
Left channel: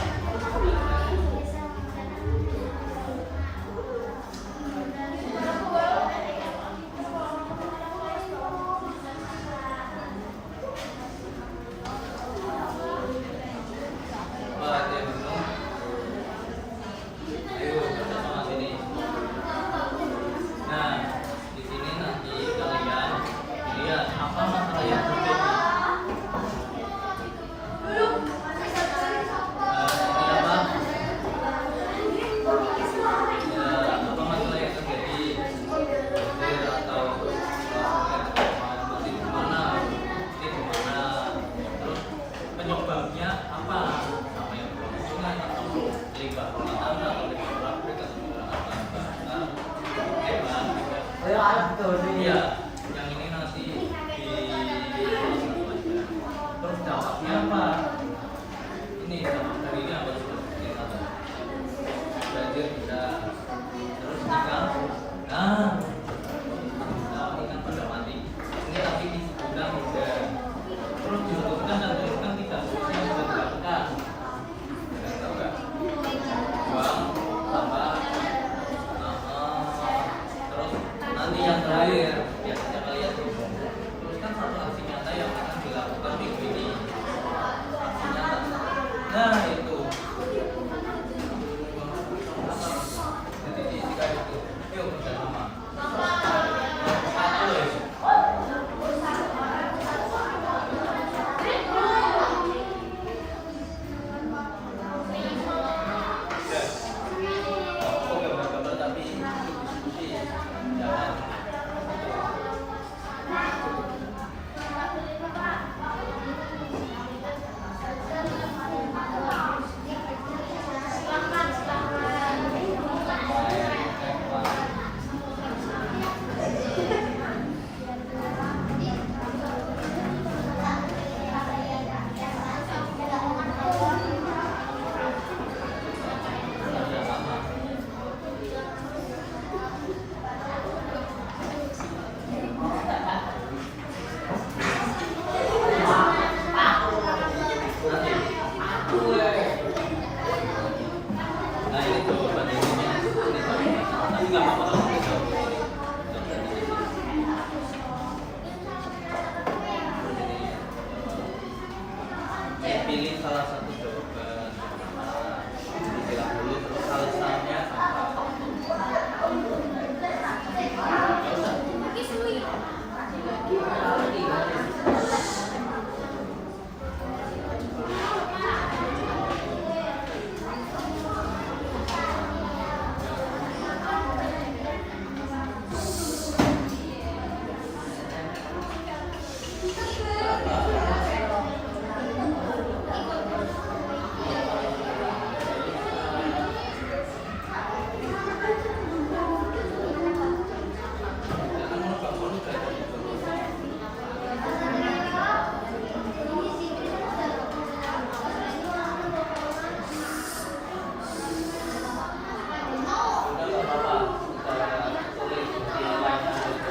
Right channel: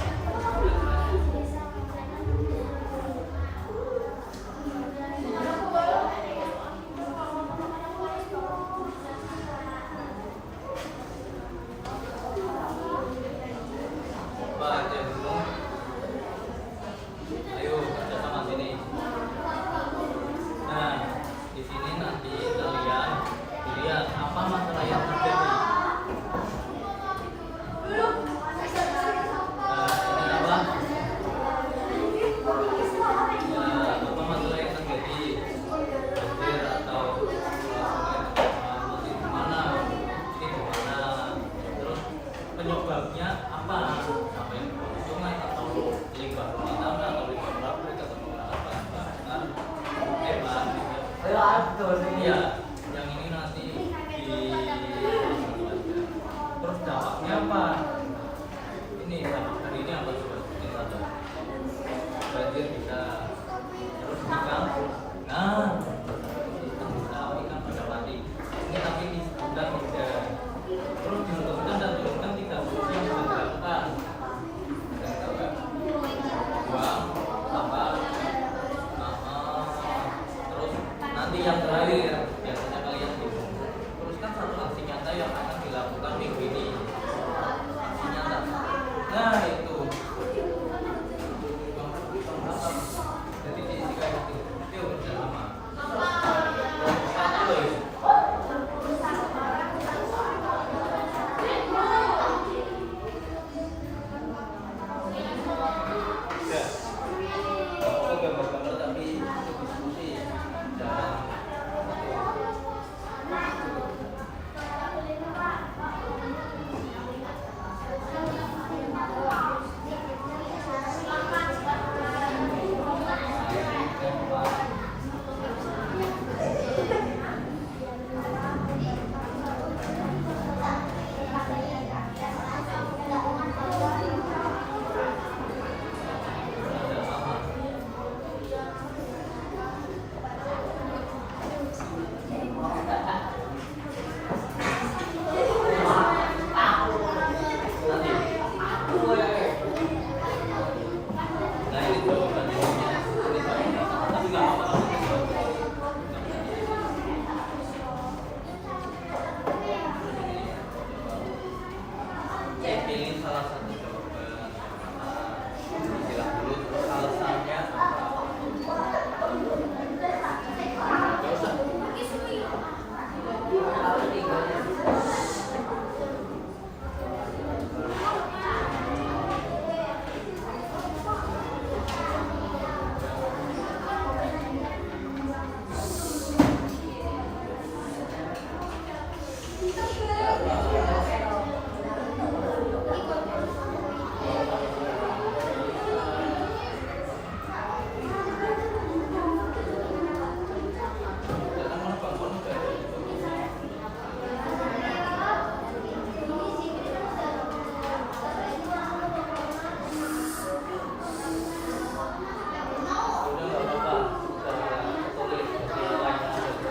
Wah, ada yang bingung. Ayo, kita sama sini. Nah, di sini nanti kalian lihat apa masalah yang terjadi. Apa masalah yang terjadi? Banjir atau masih di mana? Terus penyebabnya apa? Apa yang beruntungan atau limbah rumah tangga atau limbah pabrik atau apa? Hebat. Iya, yang ini nanti terus jawabnya apa? Ini jawab ini apa? Banjir bisa. Terus nikah. Nah, ini kan pada mati. Ini tapi disebutkan juga. Terus disebutkan dan disebutkan tidak bisa disebutkan. Buang, tambah. Terus nanti yang terakhir salah satu jawaban. Bilang dulu terus alasannya apa? Gak usah. Jangan menebak-nebak dari udah nggak apa-apa. Kita tulis di line aja.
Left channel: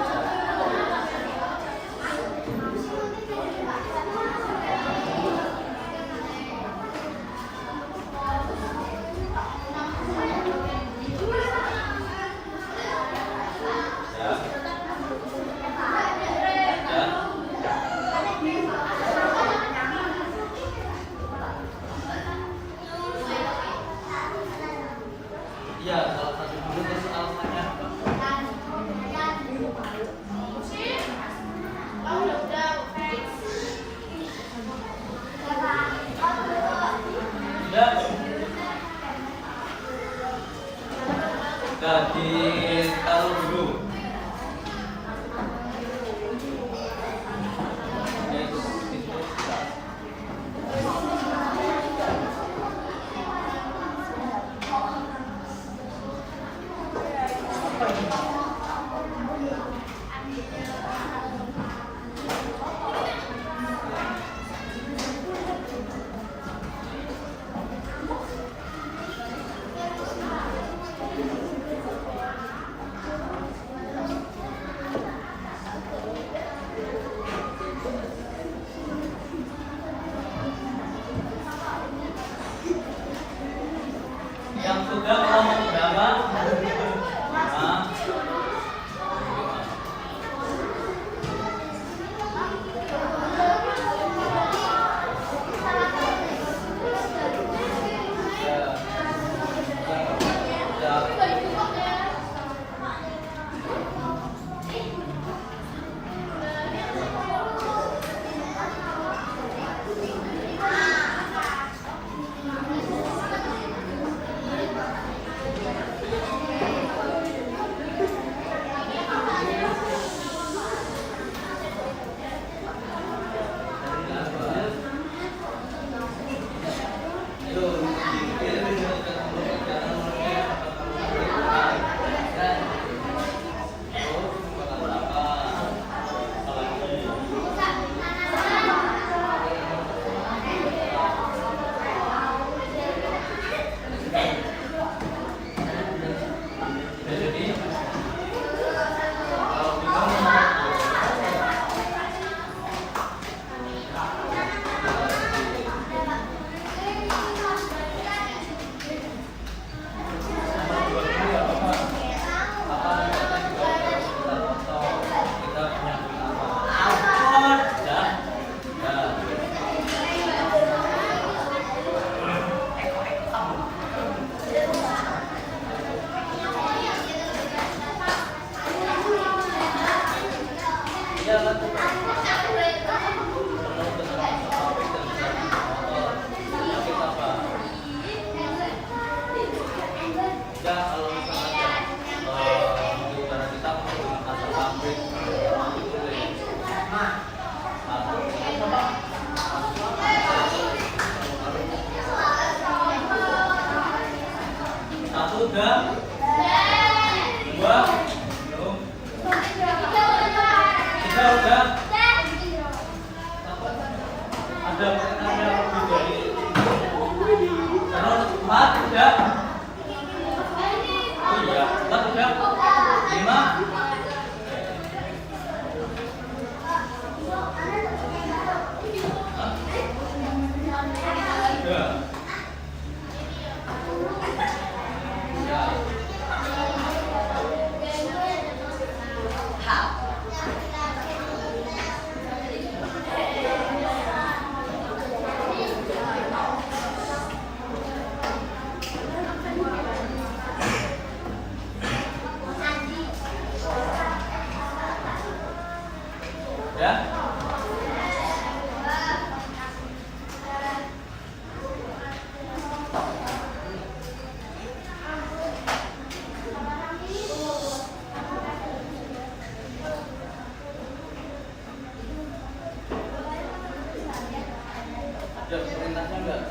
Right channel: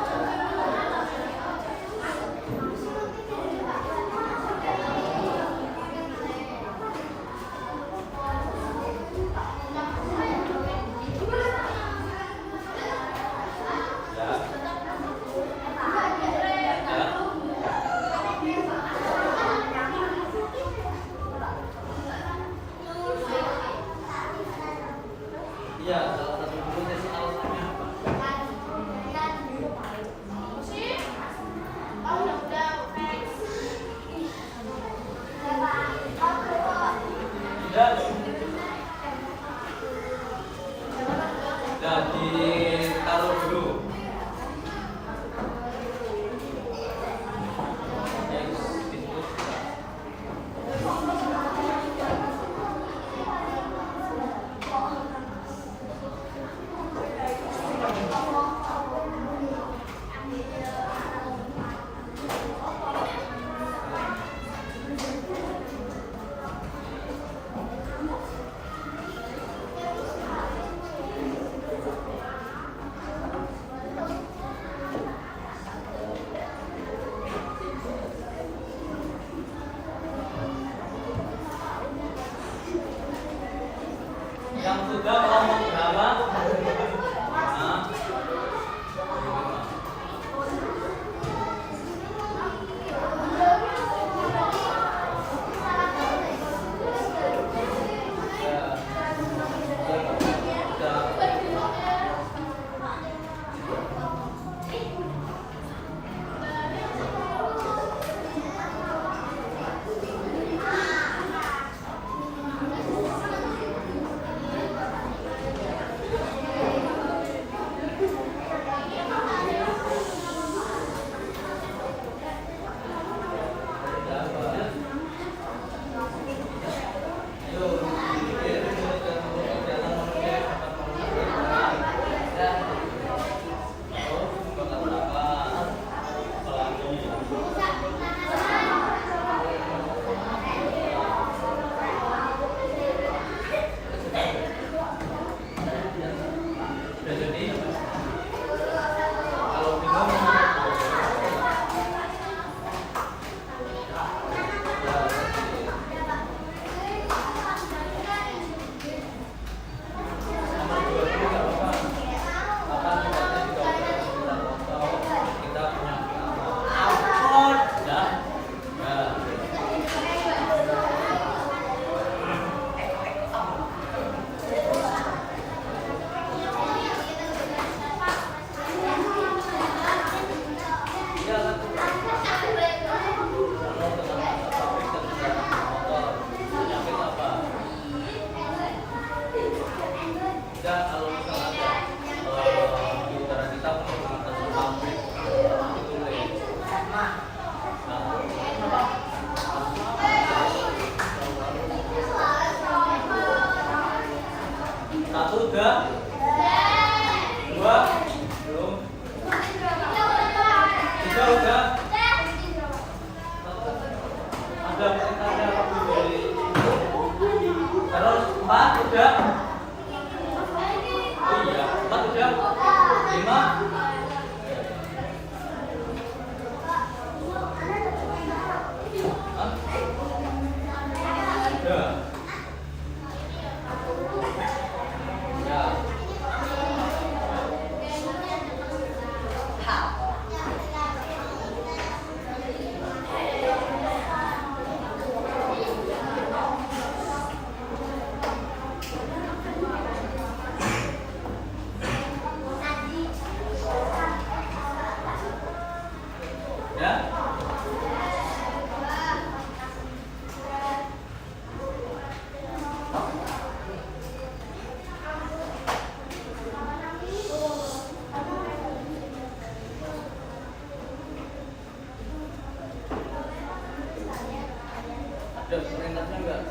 Jam perintahnya enggak?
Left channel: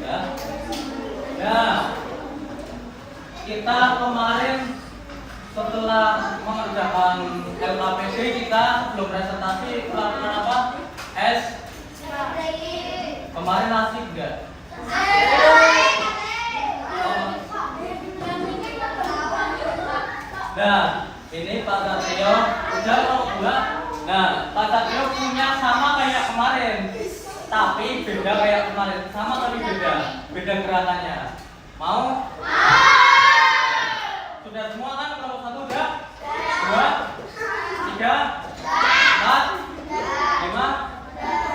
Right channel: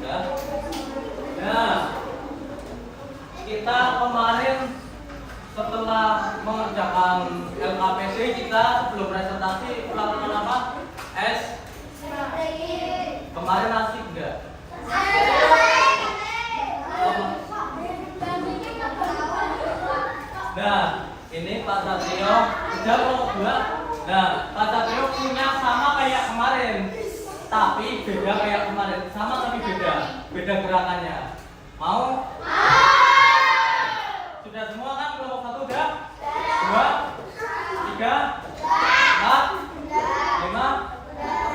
Ya. Nah, kita kemarin setelah mengerjakan LKPD kita sebelum presentasi melakukan apa? Kemarin asik enggak? Nah, ini Pak Satrio udah kelompok 2. Nah, Pak Satrio punya sama kayak kemarin, tapi beda kayak kemarin. Sama tapi beda gerakannya. Mau? Sudah semua kan kelompok 1 udah? 2, 3, 4, 5.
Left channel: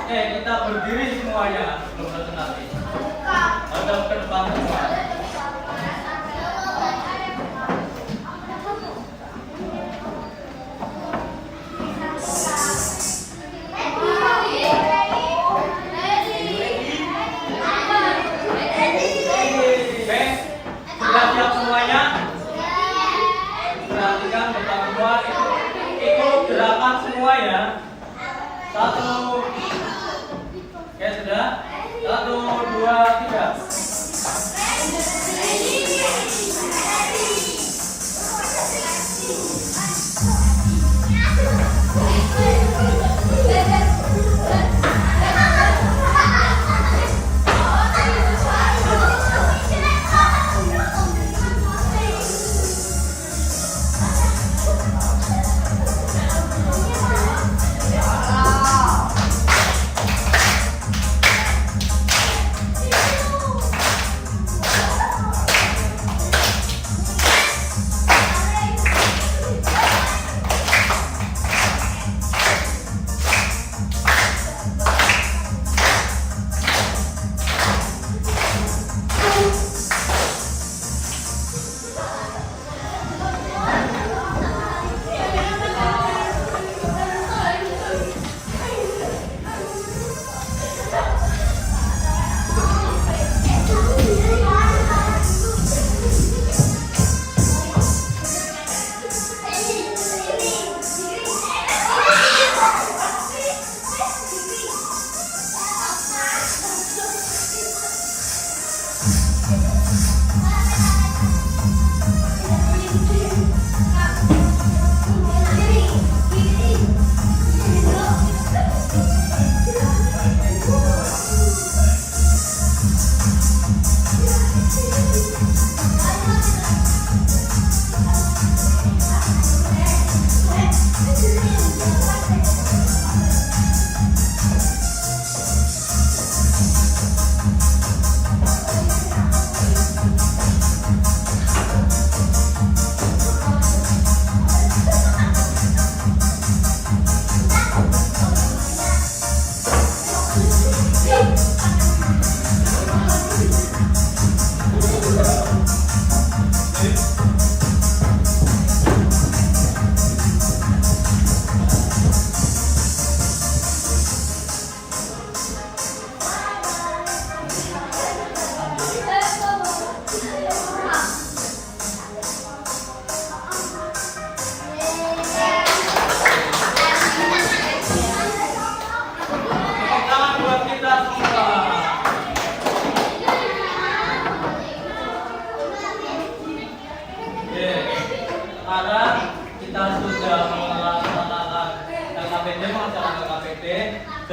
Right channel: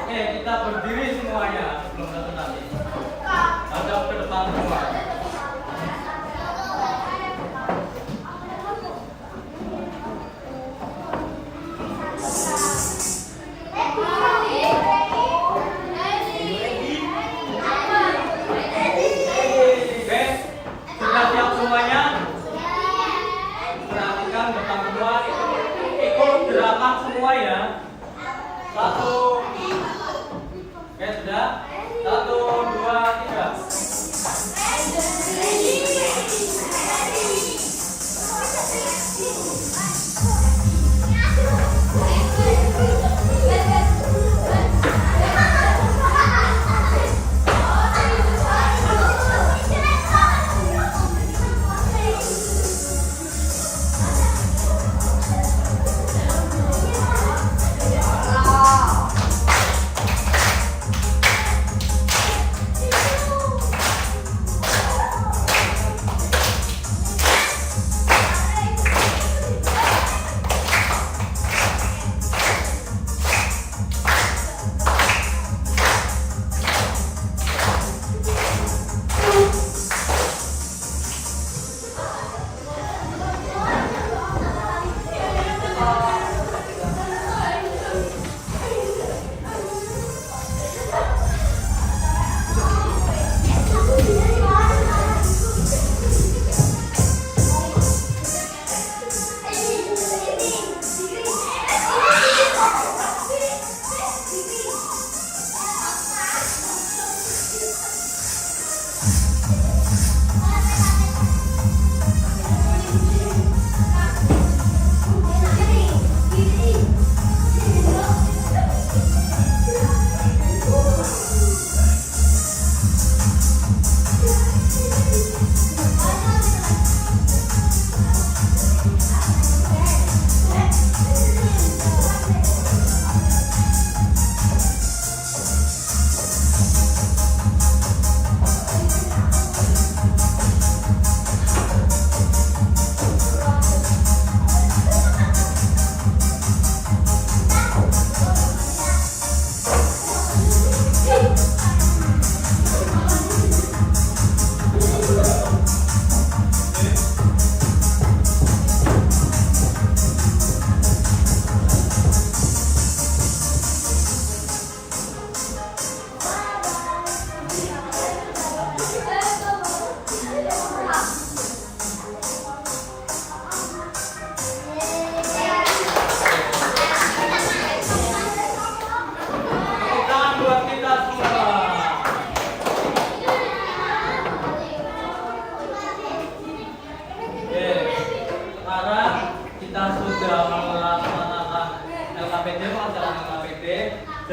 Oke, kita berdiri semuanya sebelum presentasi. Hadap ke depan semua. Sudah siap semuanya? Perhatikan depan semua, ikut gerakan semua ya. 1. Oke, sudah. 1, 2, 3.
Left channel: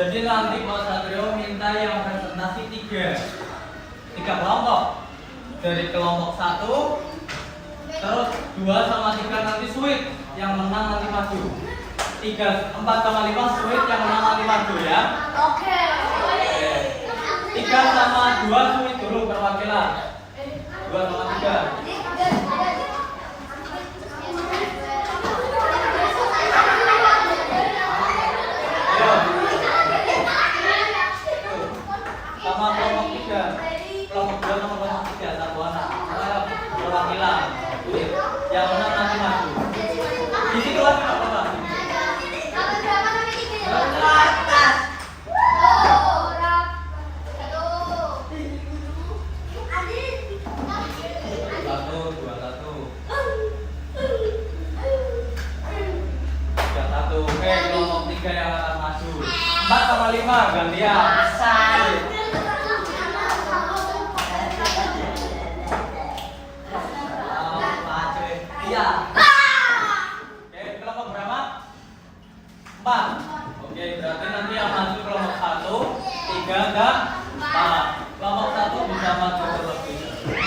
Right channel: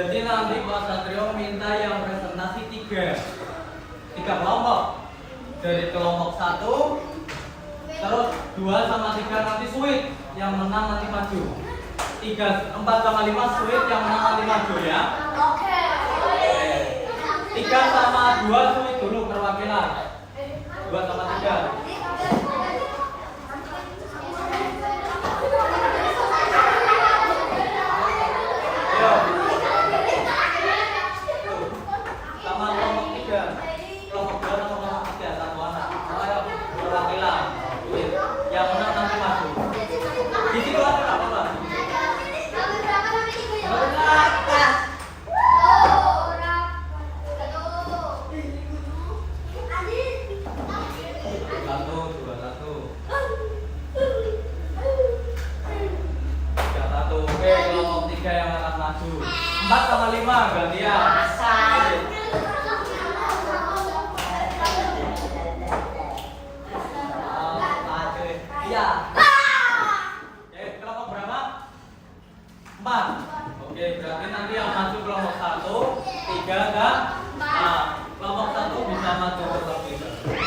Jadi nanti Pak Satrio minta yang presentasi 3 kelompok. Dari kelompok 1, terus 2 sama 3 nanti sweet, yang menang nanti maju. 4 sama 5 sweet, yang menang nanti maju ya. Oke. 3 sama 2 sweet dulu perwakilan. 2 sama 3. Sama kelompok 3, kelompok 2 sama kelompok 3, satu anak. Ayo perwakilan. Yang menang nanti maju. Di situ aja Pak. Kelompok 3 yang akan maju. maju. 4 sama 5 gantian. Iya. Oke, kelompok berapa? 4. Oke, berarti nanti yang maju kelompok 1, 3 dan 4. Kelompok 1 bisa maju terlebih dahulu.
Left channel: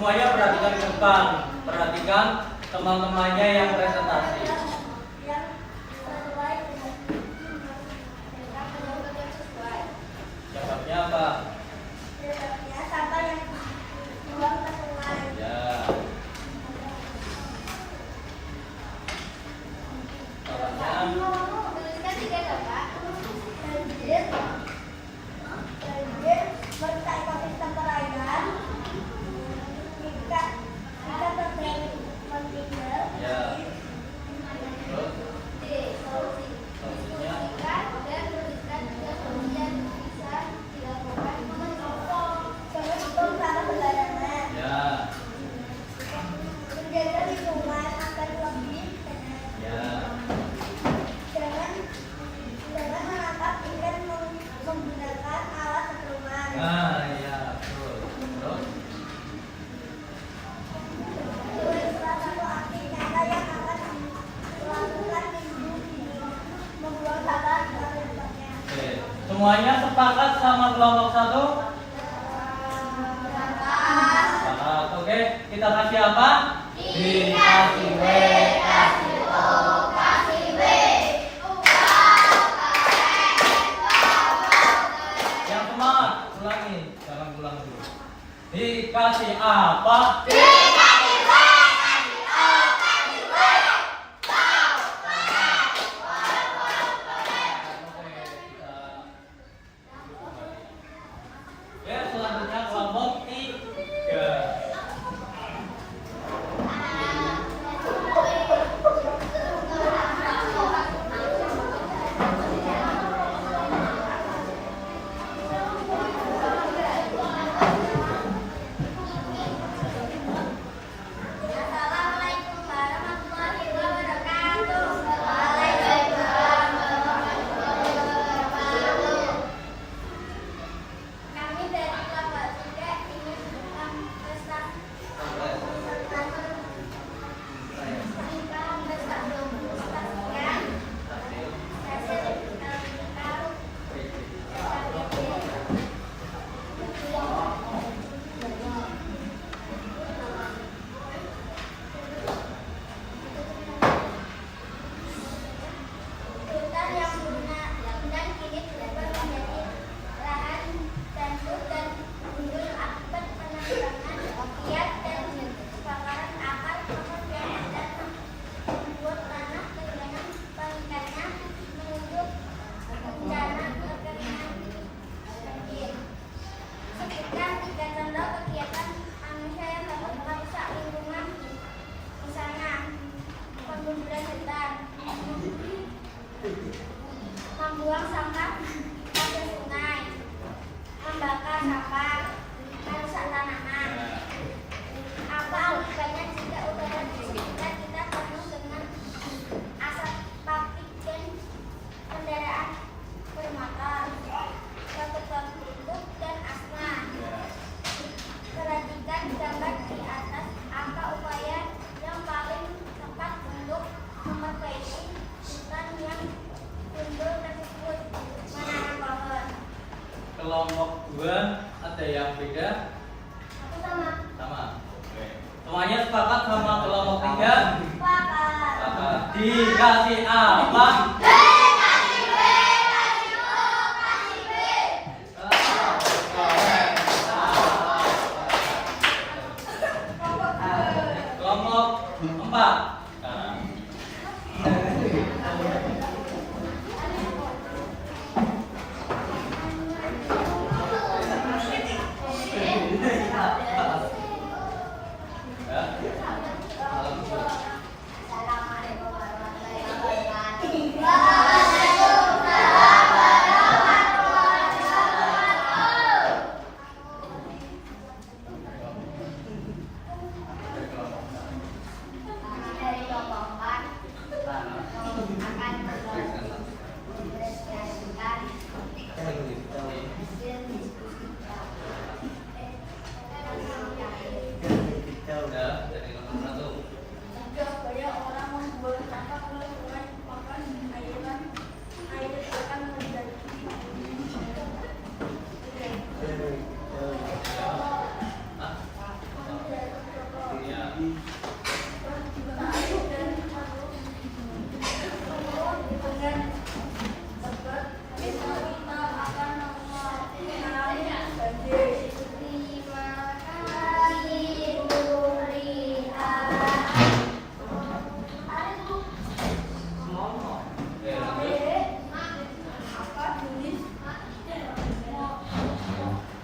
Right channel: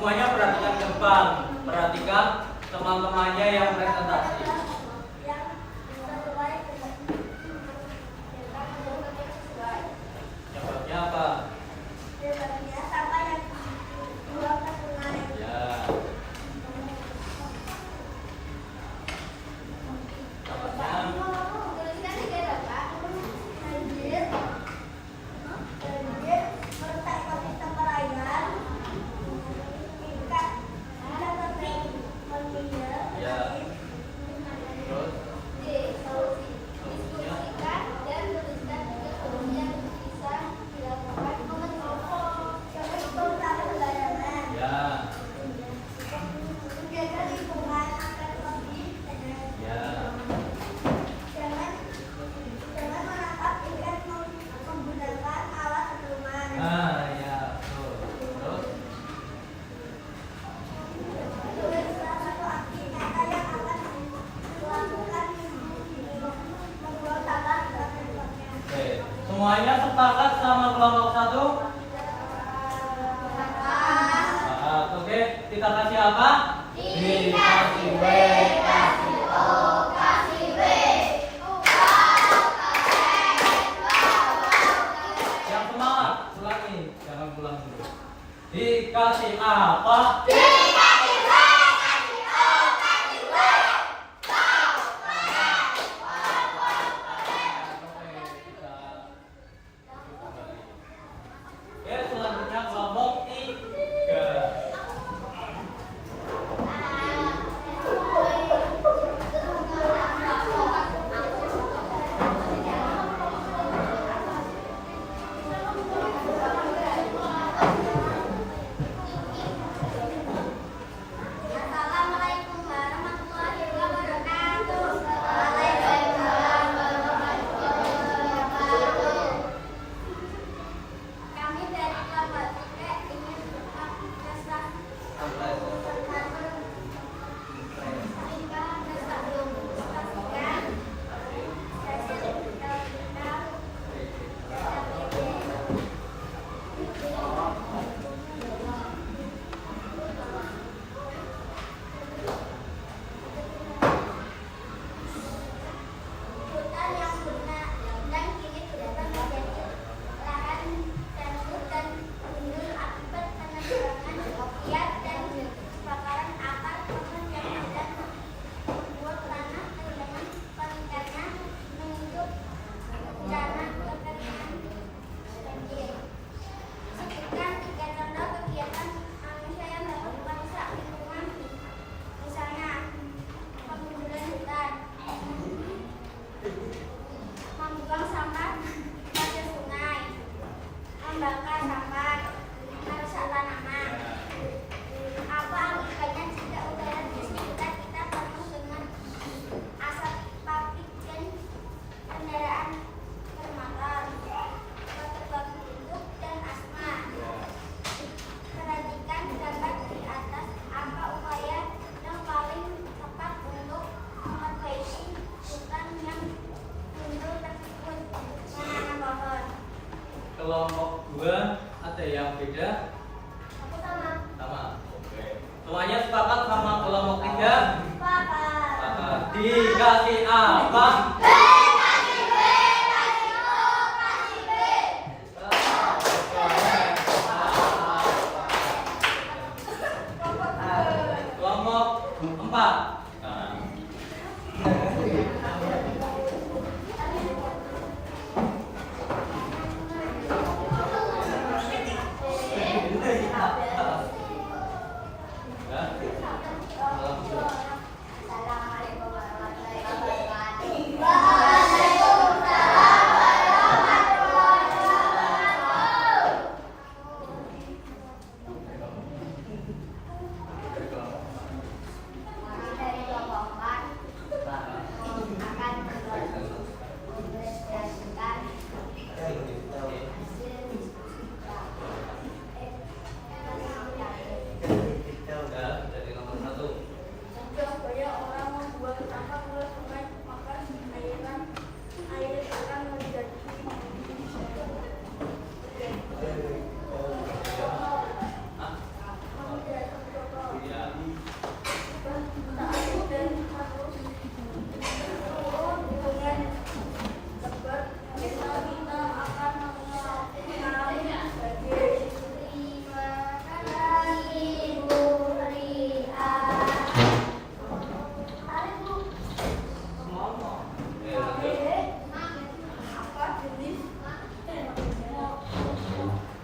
Semuanya perhatikan ke depan, perhatikan teman-temannya yang presentasi. Jawabnya apa? Ya. Semuanya sepakat sama kelompok 1? Sepakat. Oke, kita kasih apa? Dikasih B, kasih O, kasih B. Yang semangat, ulangi. Jangan pulang dulu. Dikasih apa? Dikasih B, kasih O, kasih B. Oke, selanjutnya kelompok 3. Semuanya sepakat sama kelompok 3? Sepakat. Sepakat. Dikasih apa? Kelompok 4. Assalamualaikum warahmatullahi wabarakatuh. Kami dari kelompok 4 akan menyaksikan Dari nomor 1. Banyak orang membuat sampah oleh sungai, maka air akan menjadi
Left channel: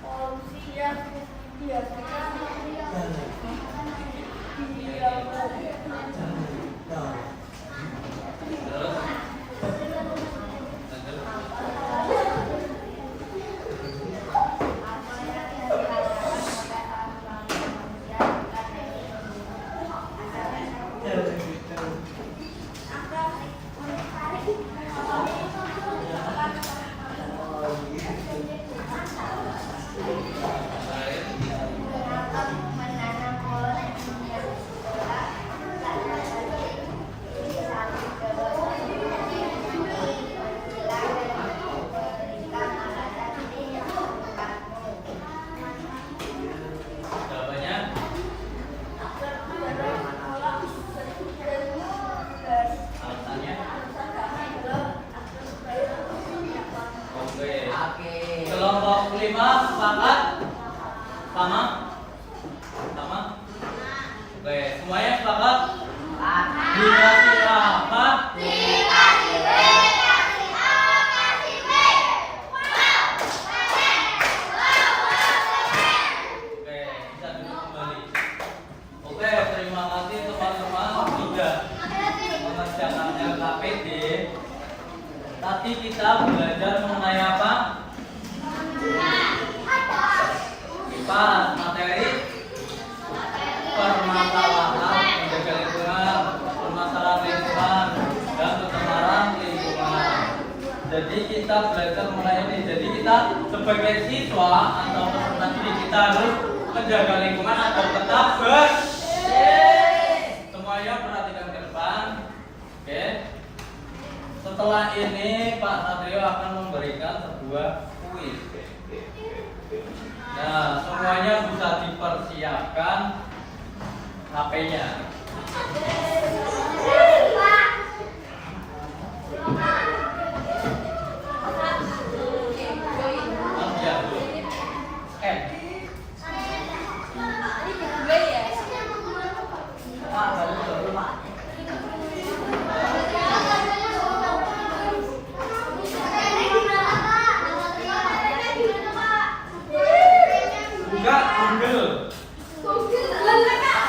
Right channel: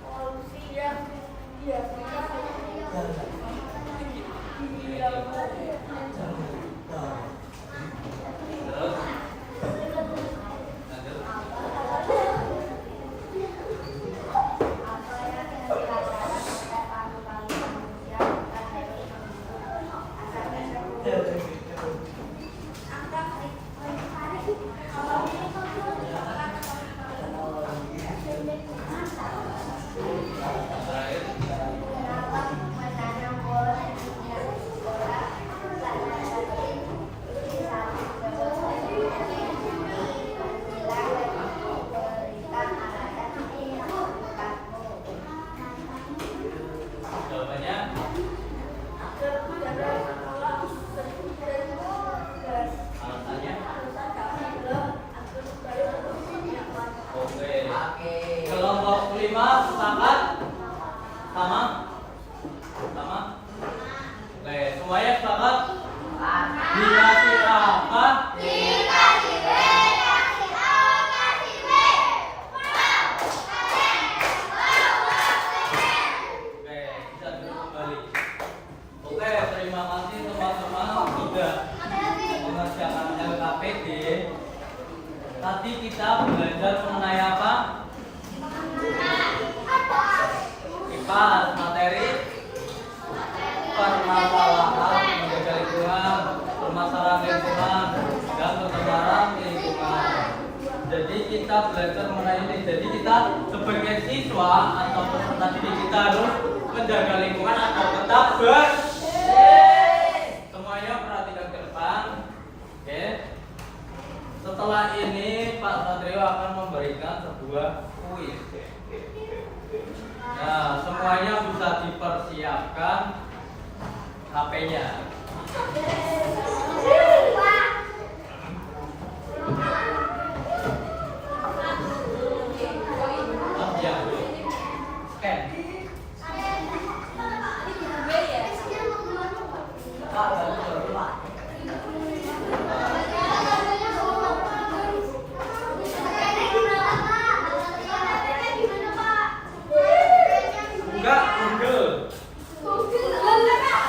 polusi yang Jawabannya alasannya. Oke. Kelompok 5 sepakat? Sama? Sama? Oke, semuanya sepakat? Dikasih apa? Dikasih B, kasih O, kasih B. Oke, bisa duduk kembali. Oke, terima kasih teman-teman sudah mengerjakan LKPD. Tadi kita belajar mengenai apa? Kipas materi permasalahan menjaga lingkungan, permasalahan lingkungan, dan pencemaran lingkungan. Jadi kita belajar mengenai ini. Jadi kita sebagai siswa atau peserta didik kita harus menjaga lingkungan agar tetap bersih. Semuanya perhatikan ke depan. Oke. Setelah ini Pak Satrio akan memberikan sebuah kuis. Nah, semuanya bisa dipersiapkan HP-nya. Siap dulu. Enggak, Google.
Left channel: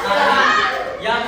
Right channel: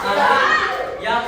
Nanti yang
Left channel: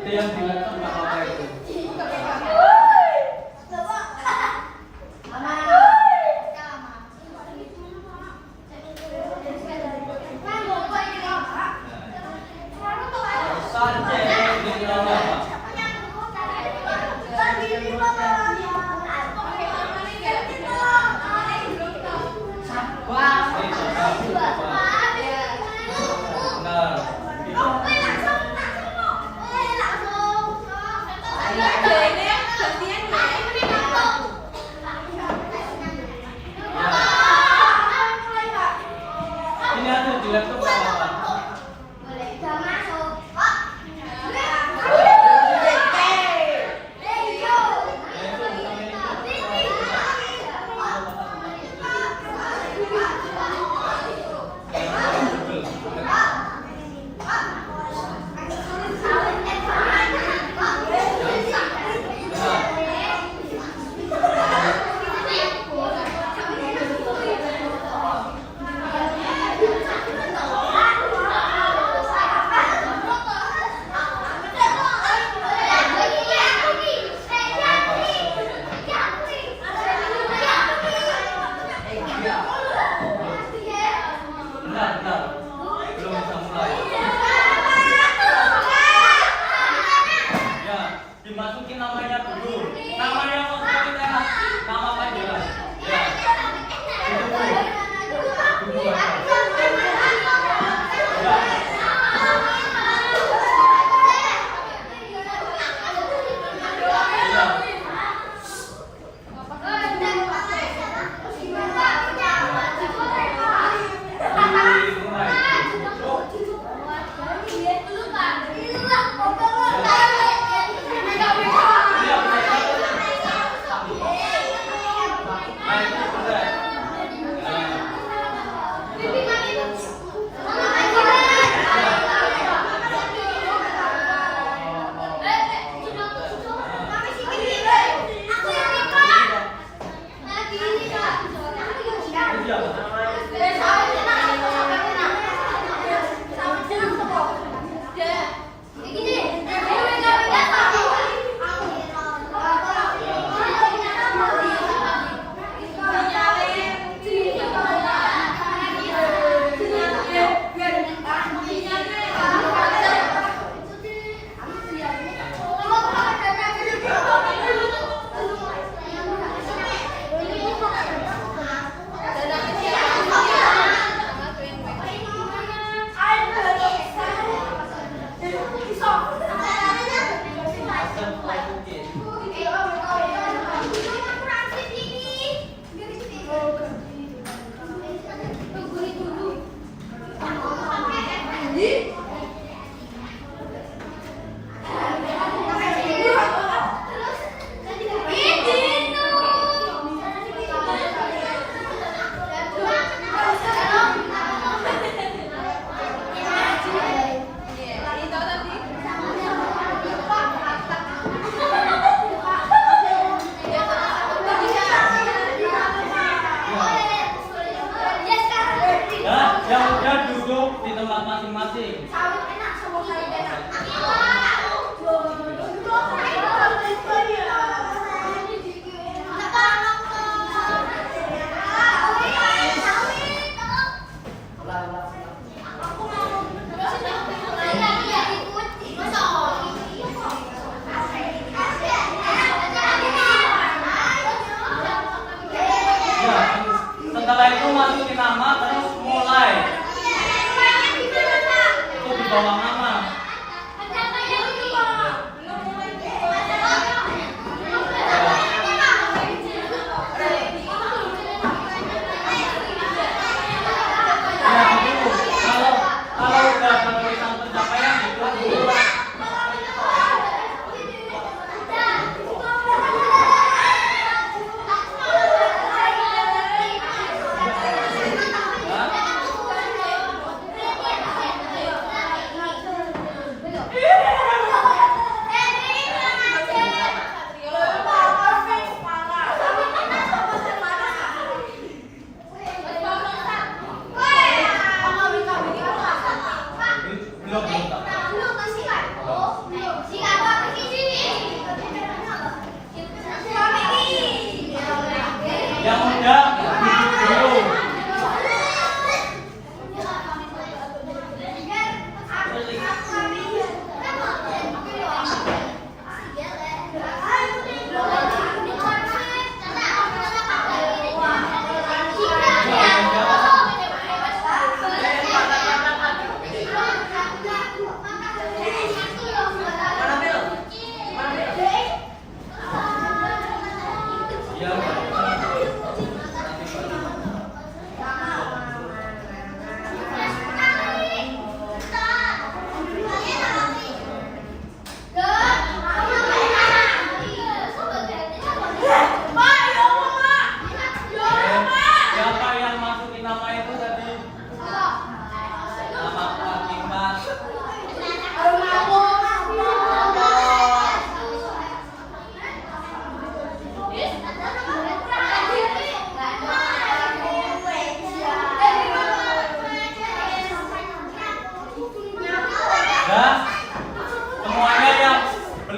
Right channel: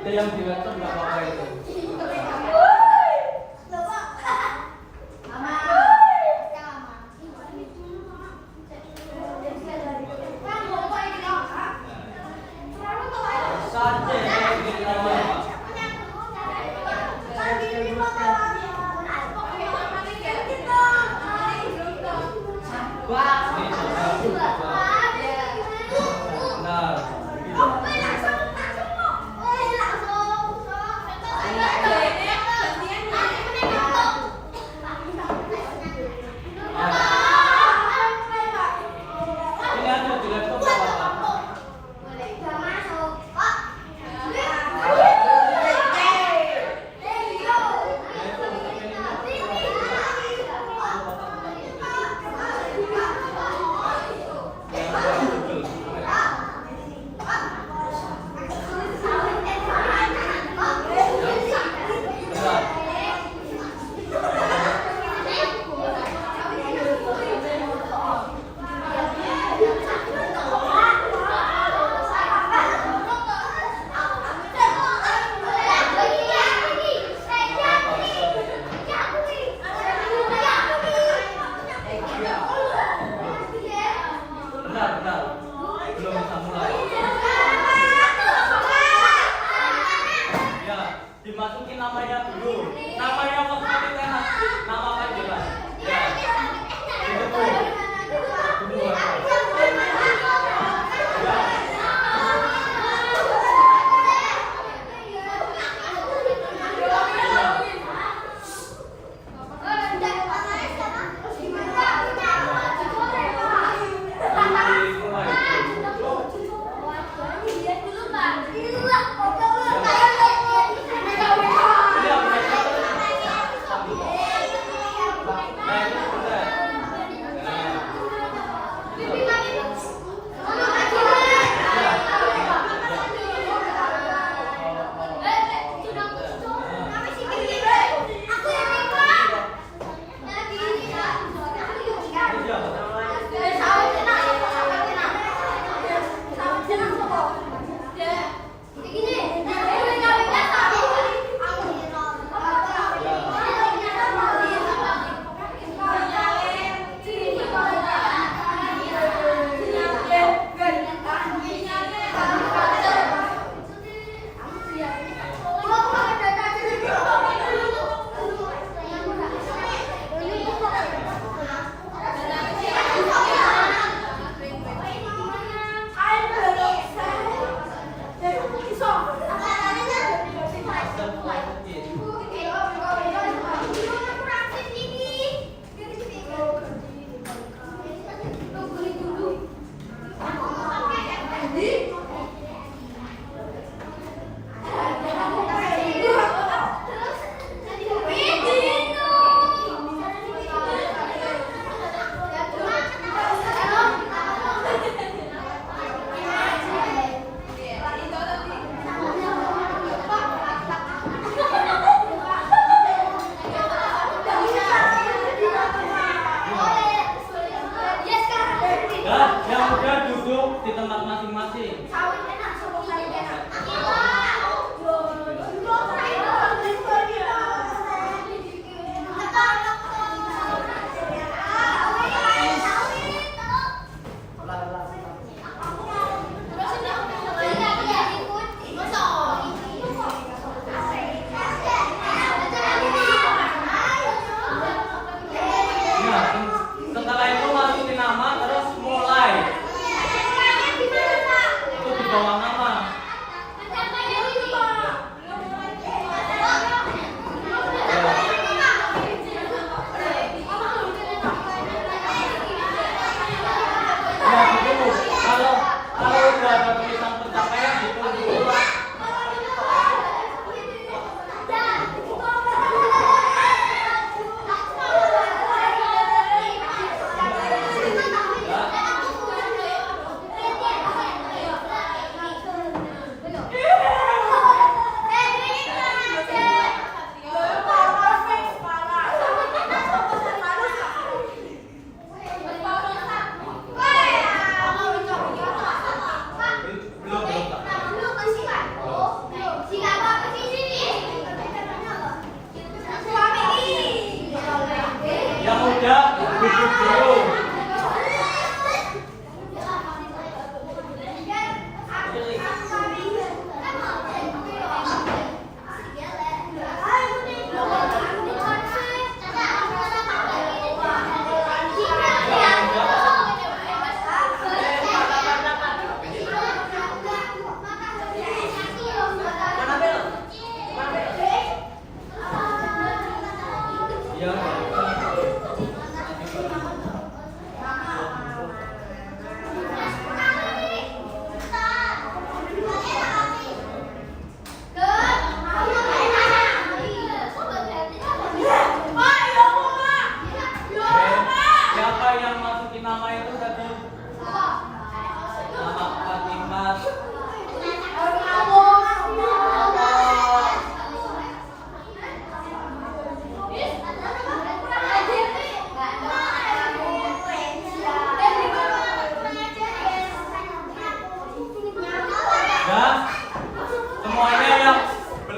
Ada yang di laptop nggak apa-apa itu. Saja di bawah. Benar.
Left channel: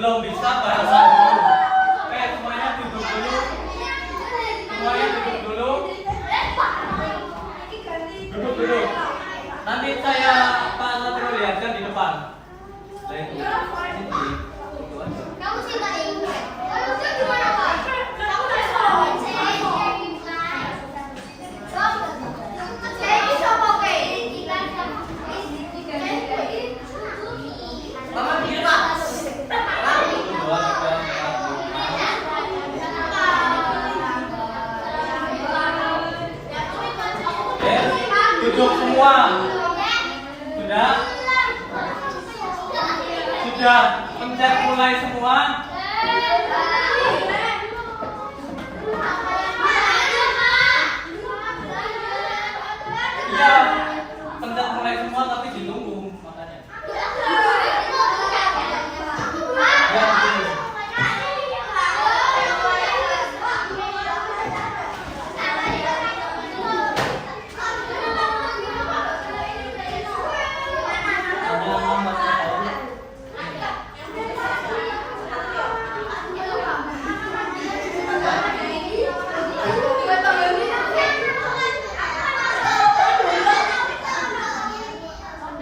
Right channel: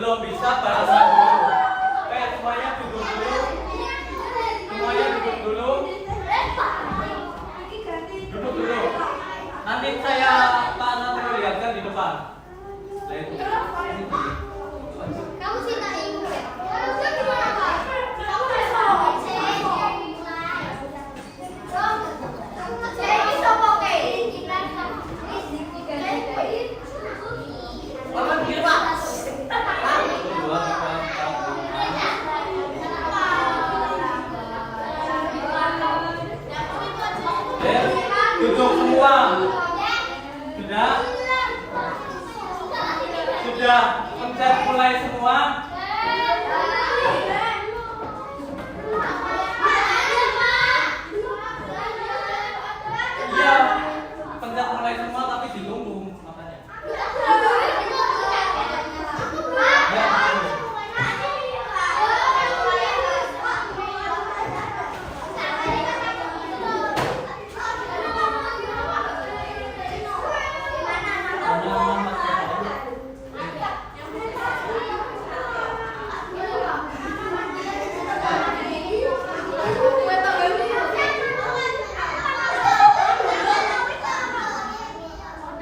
belum bisa bahasa dulu. Oke, semuanya duduk dulu. Semuanya duduk dulu. Duduk dulu. Nanti saya Pak Satrio lihatkan di depan. Kamu cinta ibu ya? Kamu gimana, Pak? Kamu jadi sopoke. Mama pikir Pak. Duduk semua. Sudah? Sudah pencet mulai semua. Iya, pencet mulai semua tapi ditunggu makanya. Ya, tunggu.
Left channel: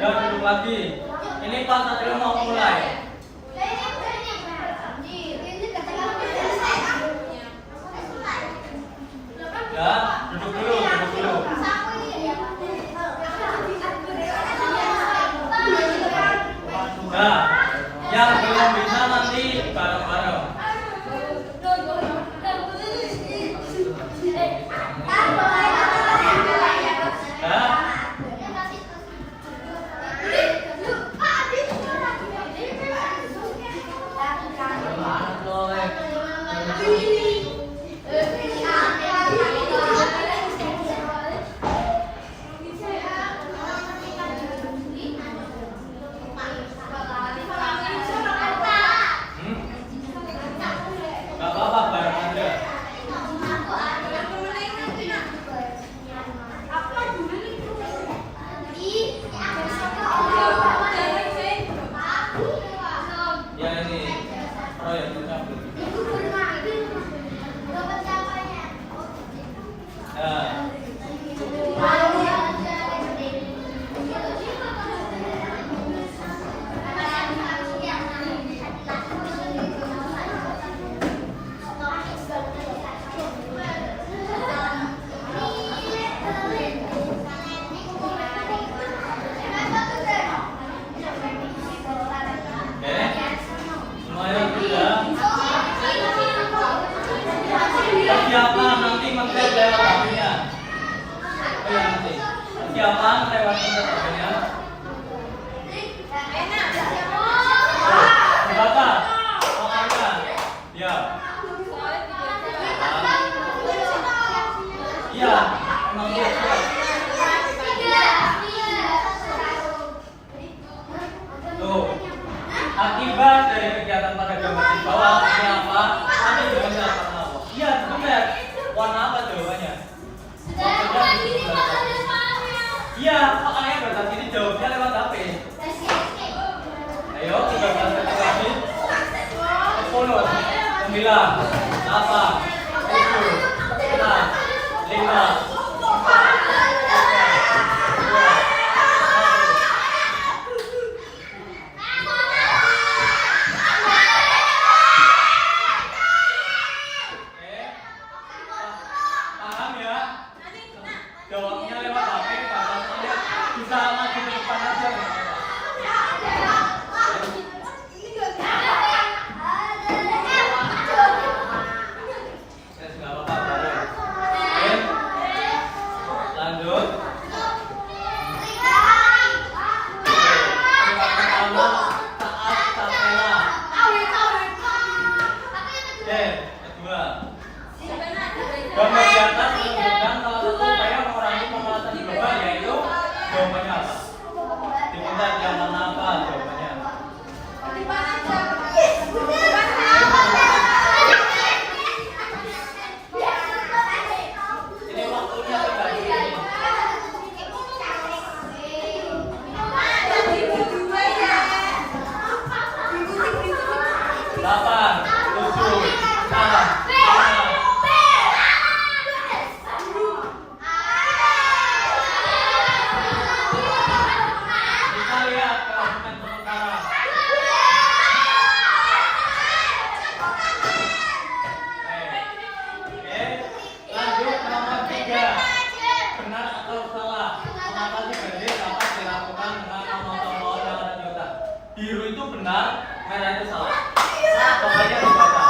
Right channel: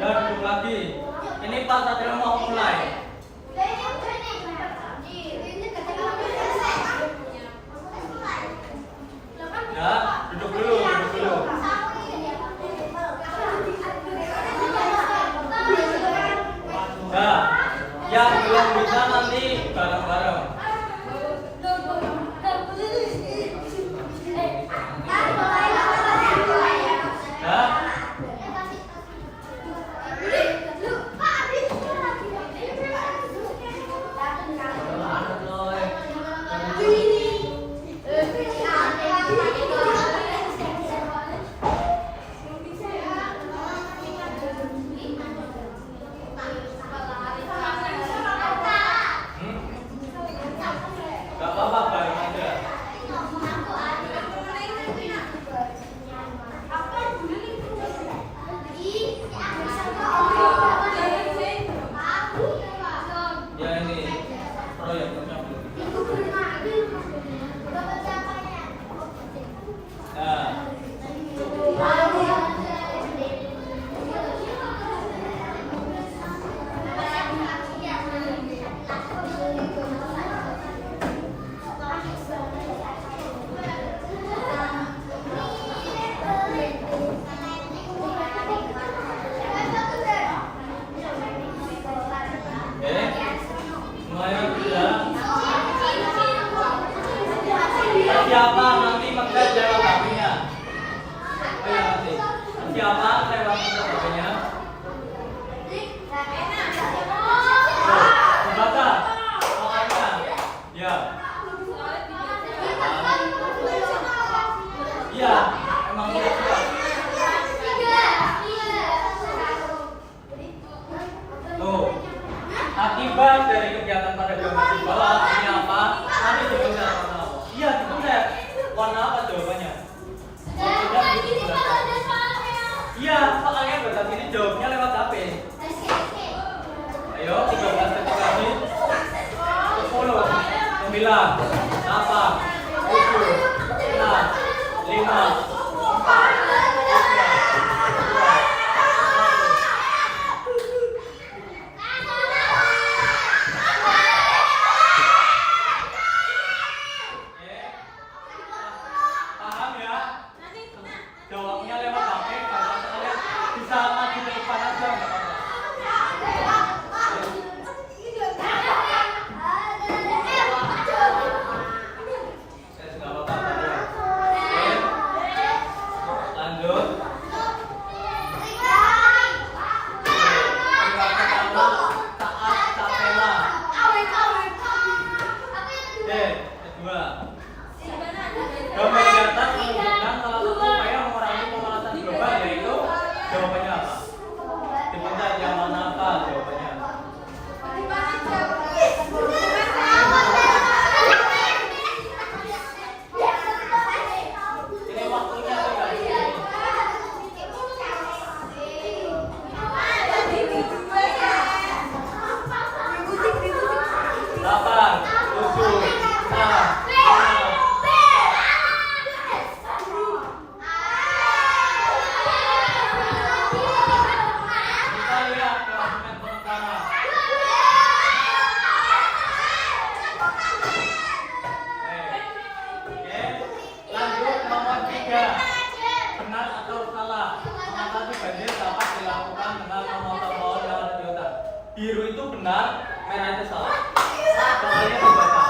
Ya, duduk lagi. Ini Pak Satrio mau mulai. Ya, duduk dulu, duduk dulu. Nah, yang belum bisa nanti bareng-bareng. Ya. Gak apa-apa, bareng aja. Ya ini proyeknya belum. Ya. Oke. Semuanya sudah. Siapa nanti mengecek lewat HP-nya? Oh ya nanti. Siapa lewat HP-nya? Baca. Soalnya. Ya. Iya. Emang dia siap. Tuh. Akibat dari kegiatan pada gambar di bawah ini apa? Nanti jawabannya warna apa? Iya, benar. Warna apa jawabannya? Iya, soalnya berarti ini jawabnya lewat HP. Ayo, 13 detik lagi. 10, 9, 8, 7, 6, 5, 4, paham ya? Jawabnya lewat HP, bahasanya bisa maju ke depan aja nggak apa-apa. ada salah. Soalnya dibaca.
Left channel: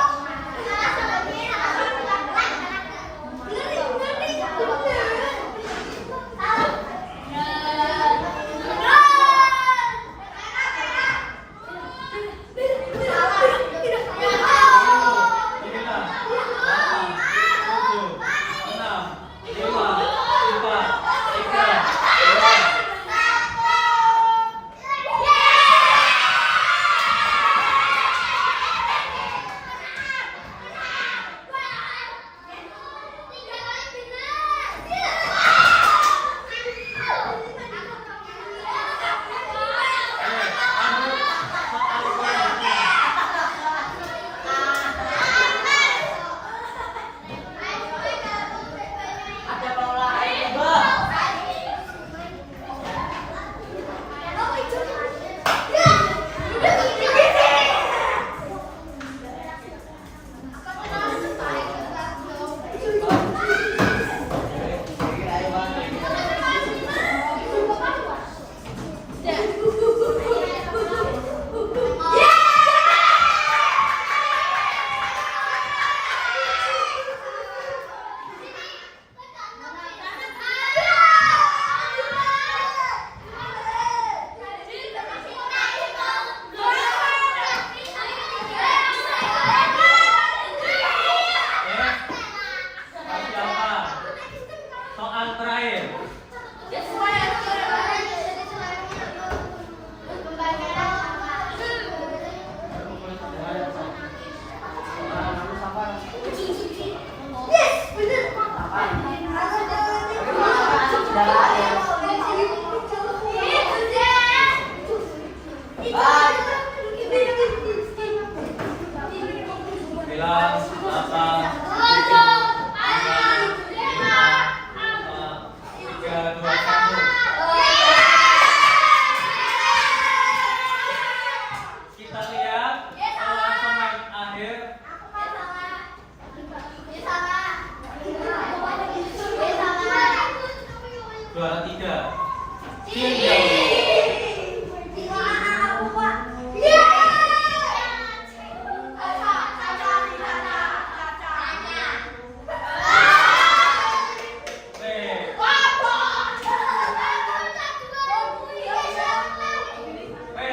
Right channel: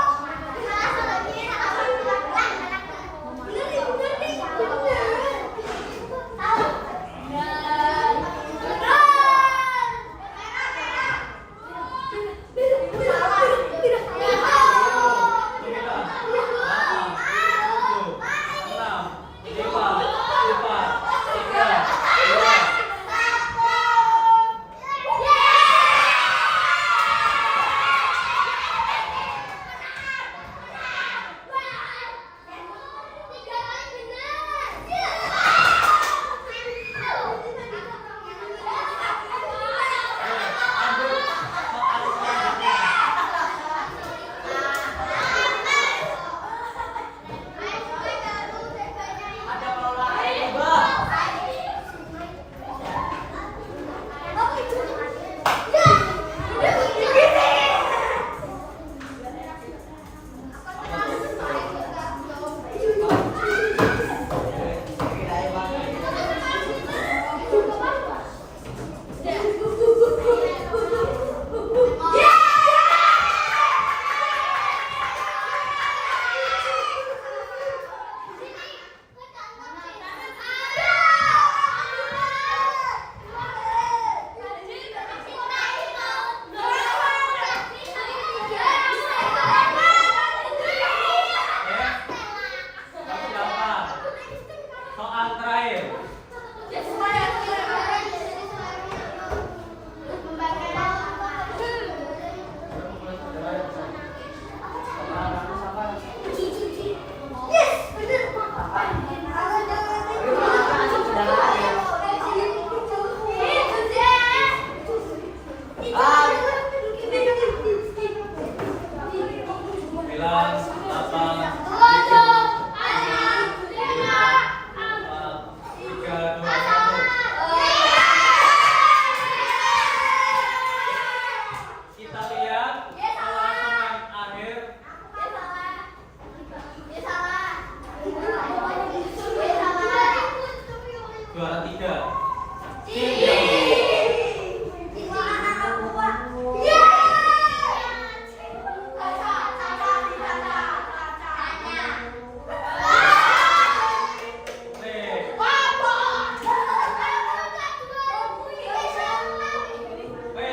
Juara 3.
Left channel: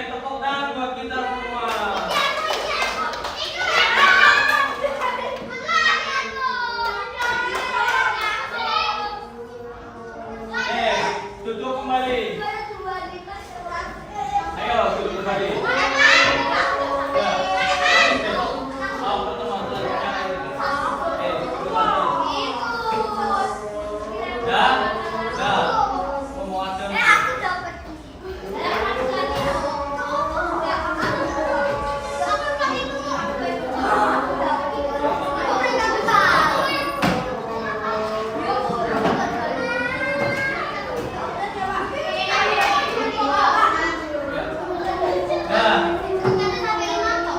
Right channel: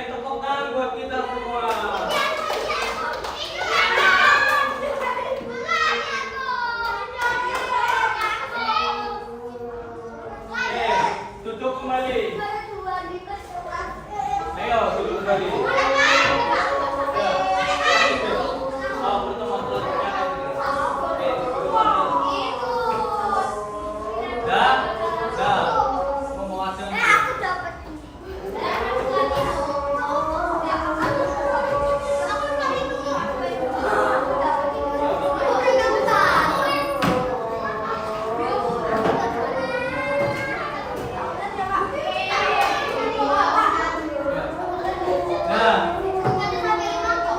Tepuk tangan buat kita semua. Duduk kembali. Ayo duduk kembali.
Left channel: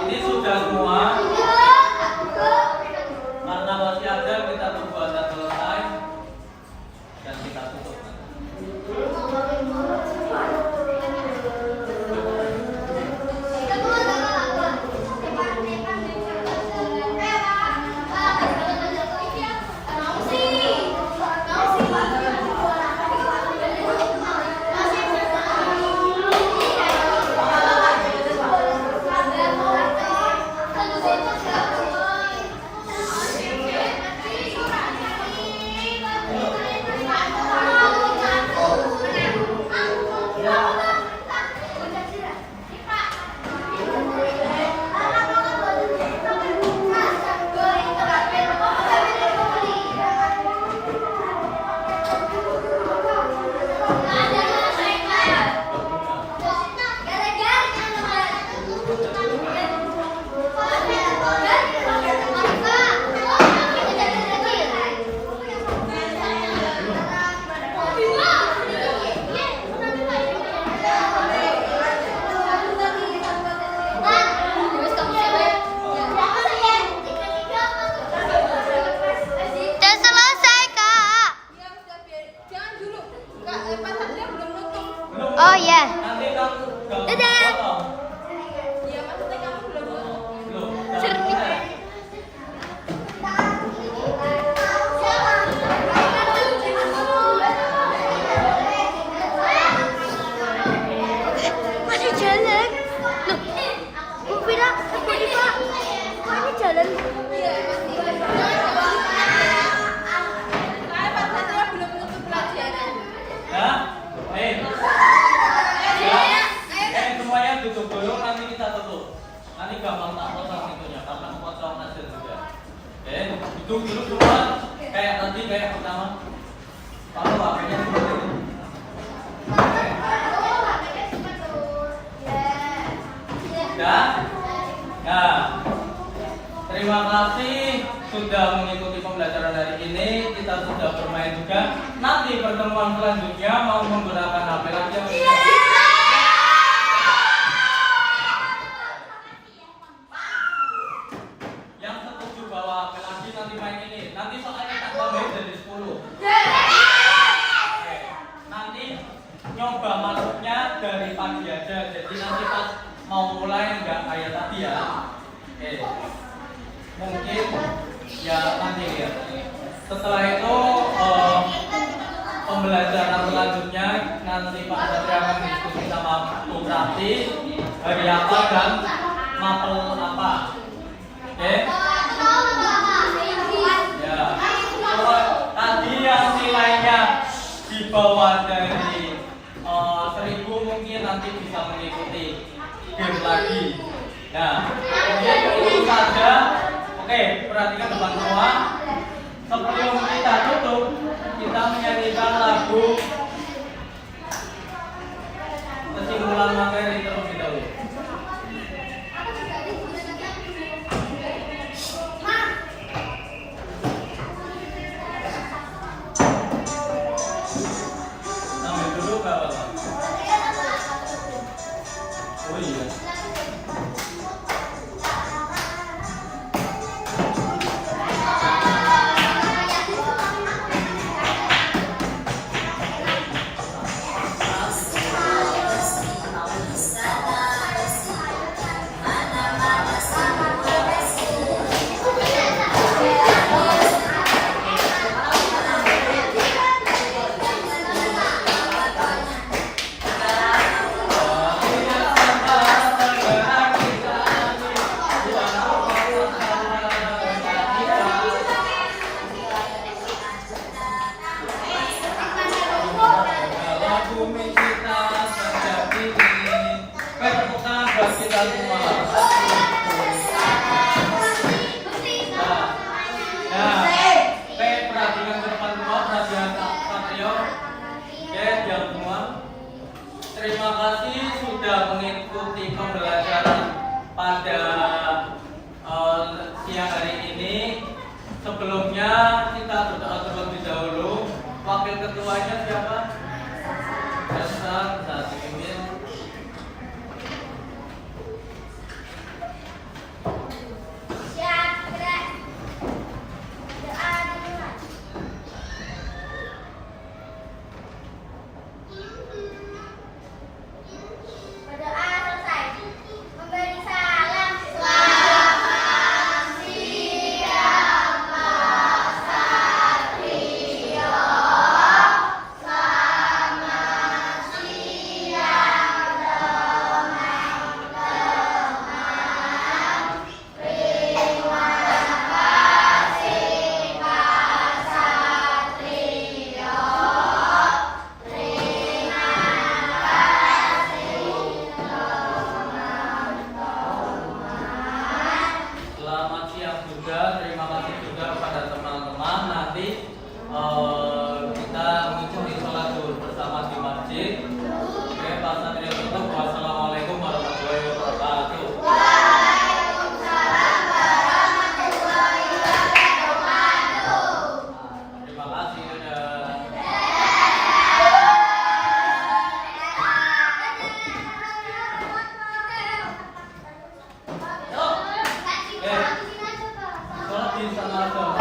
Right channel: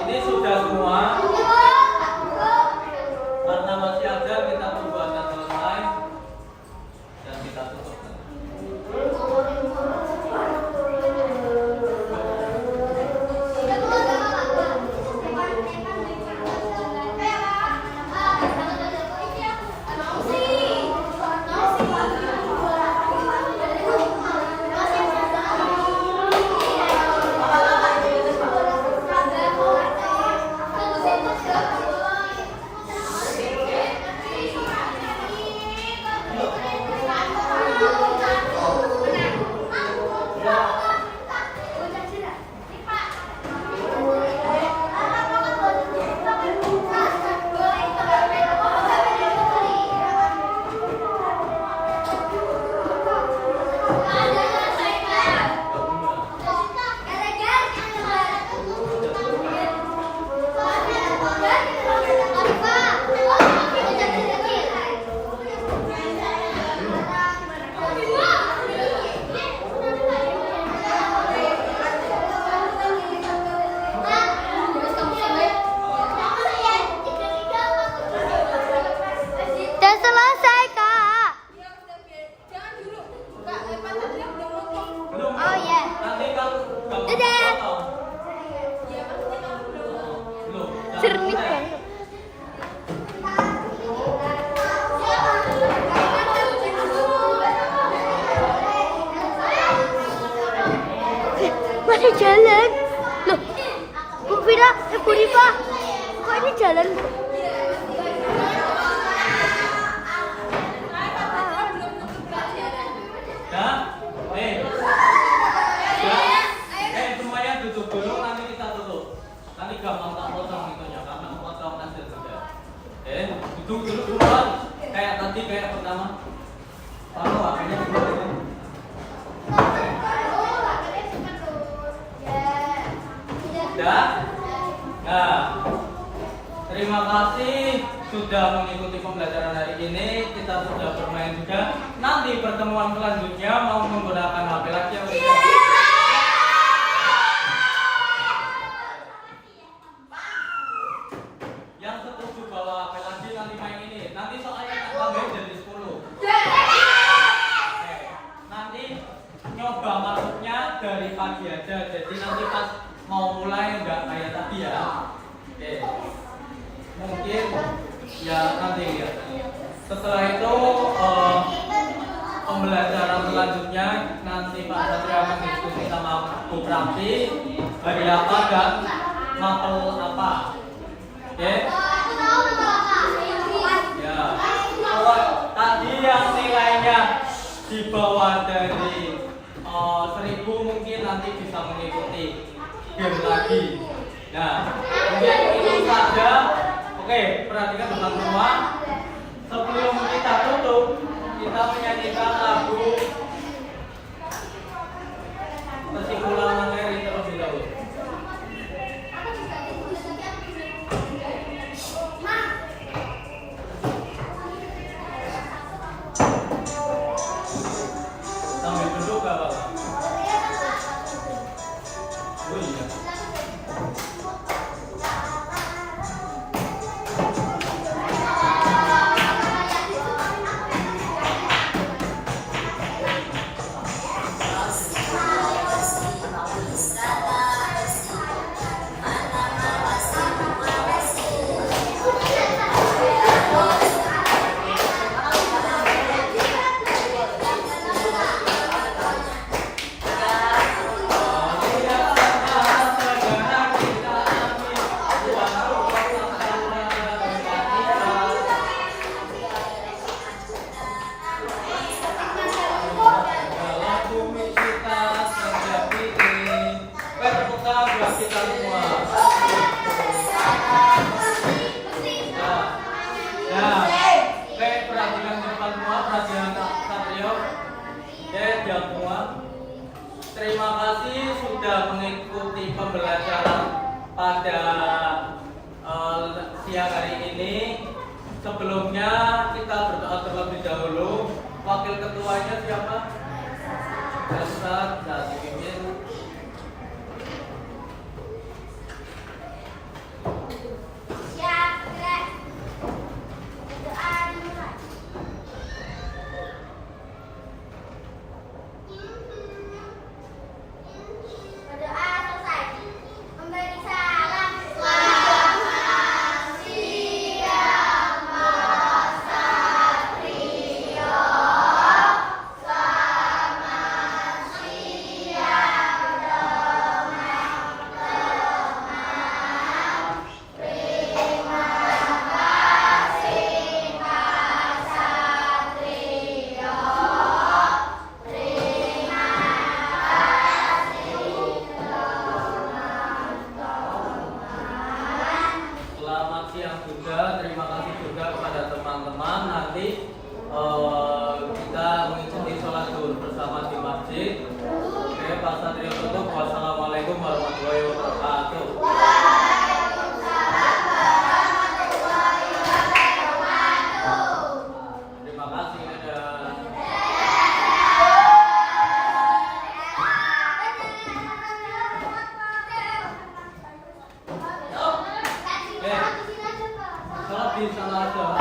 Ini sudah semua. Karena masih ada, kita tunggu aja selesai dan kita tutup. Thank you. Duduk semua. Kayak tadi, kayak pertama. Kalau HP-nya dulu gitu. Ya. Nah, terima kasih sudah mengikuti pembelajaran hari ini. Kita sudah bermain juga. Nanti pertemuan selanjutnya mau menggunakan HP lagi ya. Yang setuju bawa HP lagi nanti main ini. Nanti soalnya tak tambahin jadi 10. Oke. Nanti nyoba masuknya dari pagi aja. Jadi nanti pas mau mulai nggak kayak tadi ya. Oke. Mungkin ya nanti ya. Setelah itu pembelajaran selanjutnya nanti Pak Satria akan diskusi sama Bu Prakti hari apa dan mapel apa. Oke. Ya. Kalau tadi yang nilainya di bawah dari 1000 mungkin nanti bisa mengikuti game lagi. Nah, mungkin itu saja. Oke, perhatikan teman semua. Sebelum kita tutup, kita menyanyikan lagu kesimpulan materi terlebih dahulu. Sambil duduk gak apa-apa. Oh iya. Terima kasih sudah mengikuti pembelajaran pada siang hari ini. Sebelumnya kita berdoa terlebih dahulu. Wakil ketuanya siapa? Ustaz, nah dipimpin. Terima kasih juga kepada teman-teman. Nanti kita mengikuti sholat zuhur bersama di masjid. Oke, Pak Satria tutup. Wassalamualaikum warahmatullahi wabarakatuh. Terima kasih ya. Sholat di sana.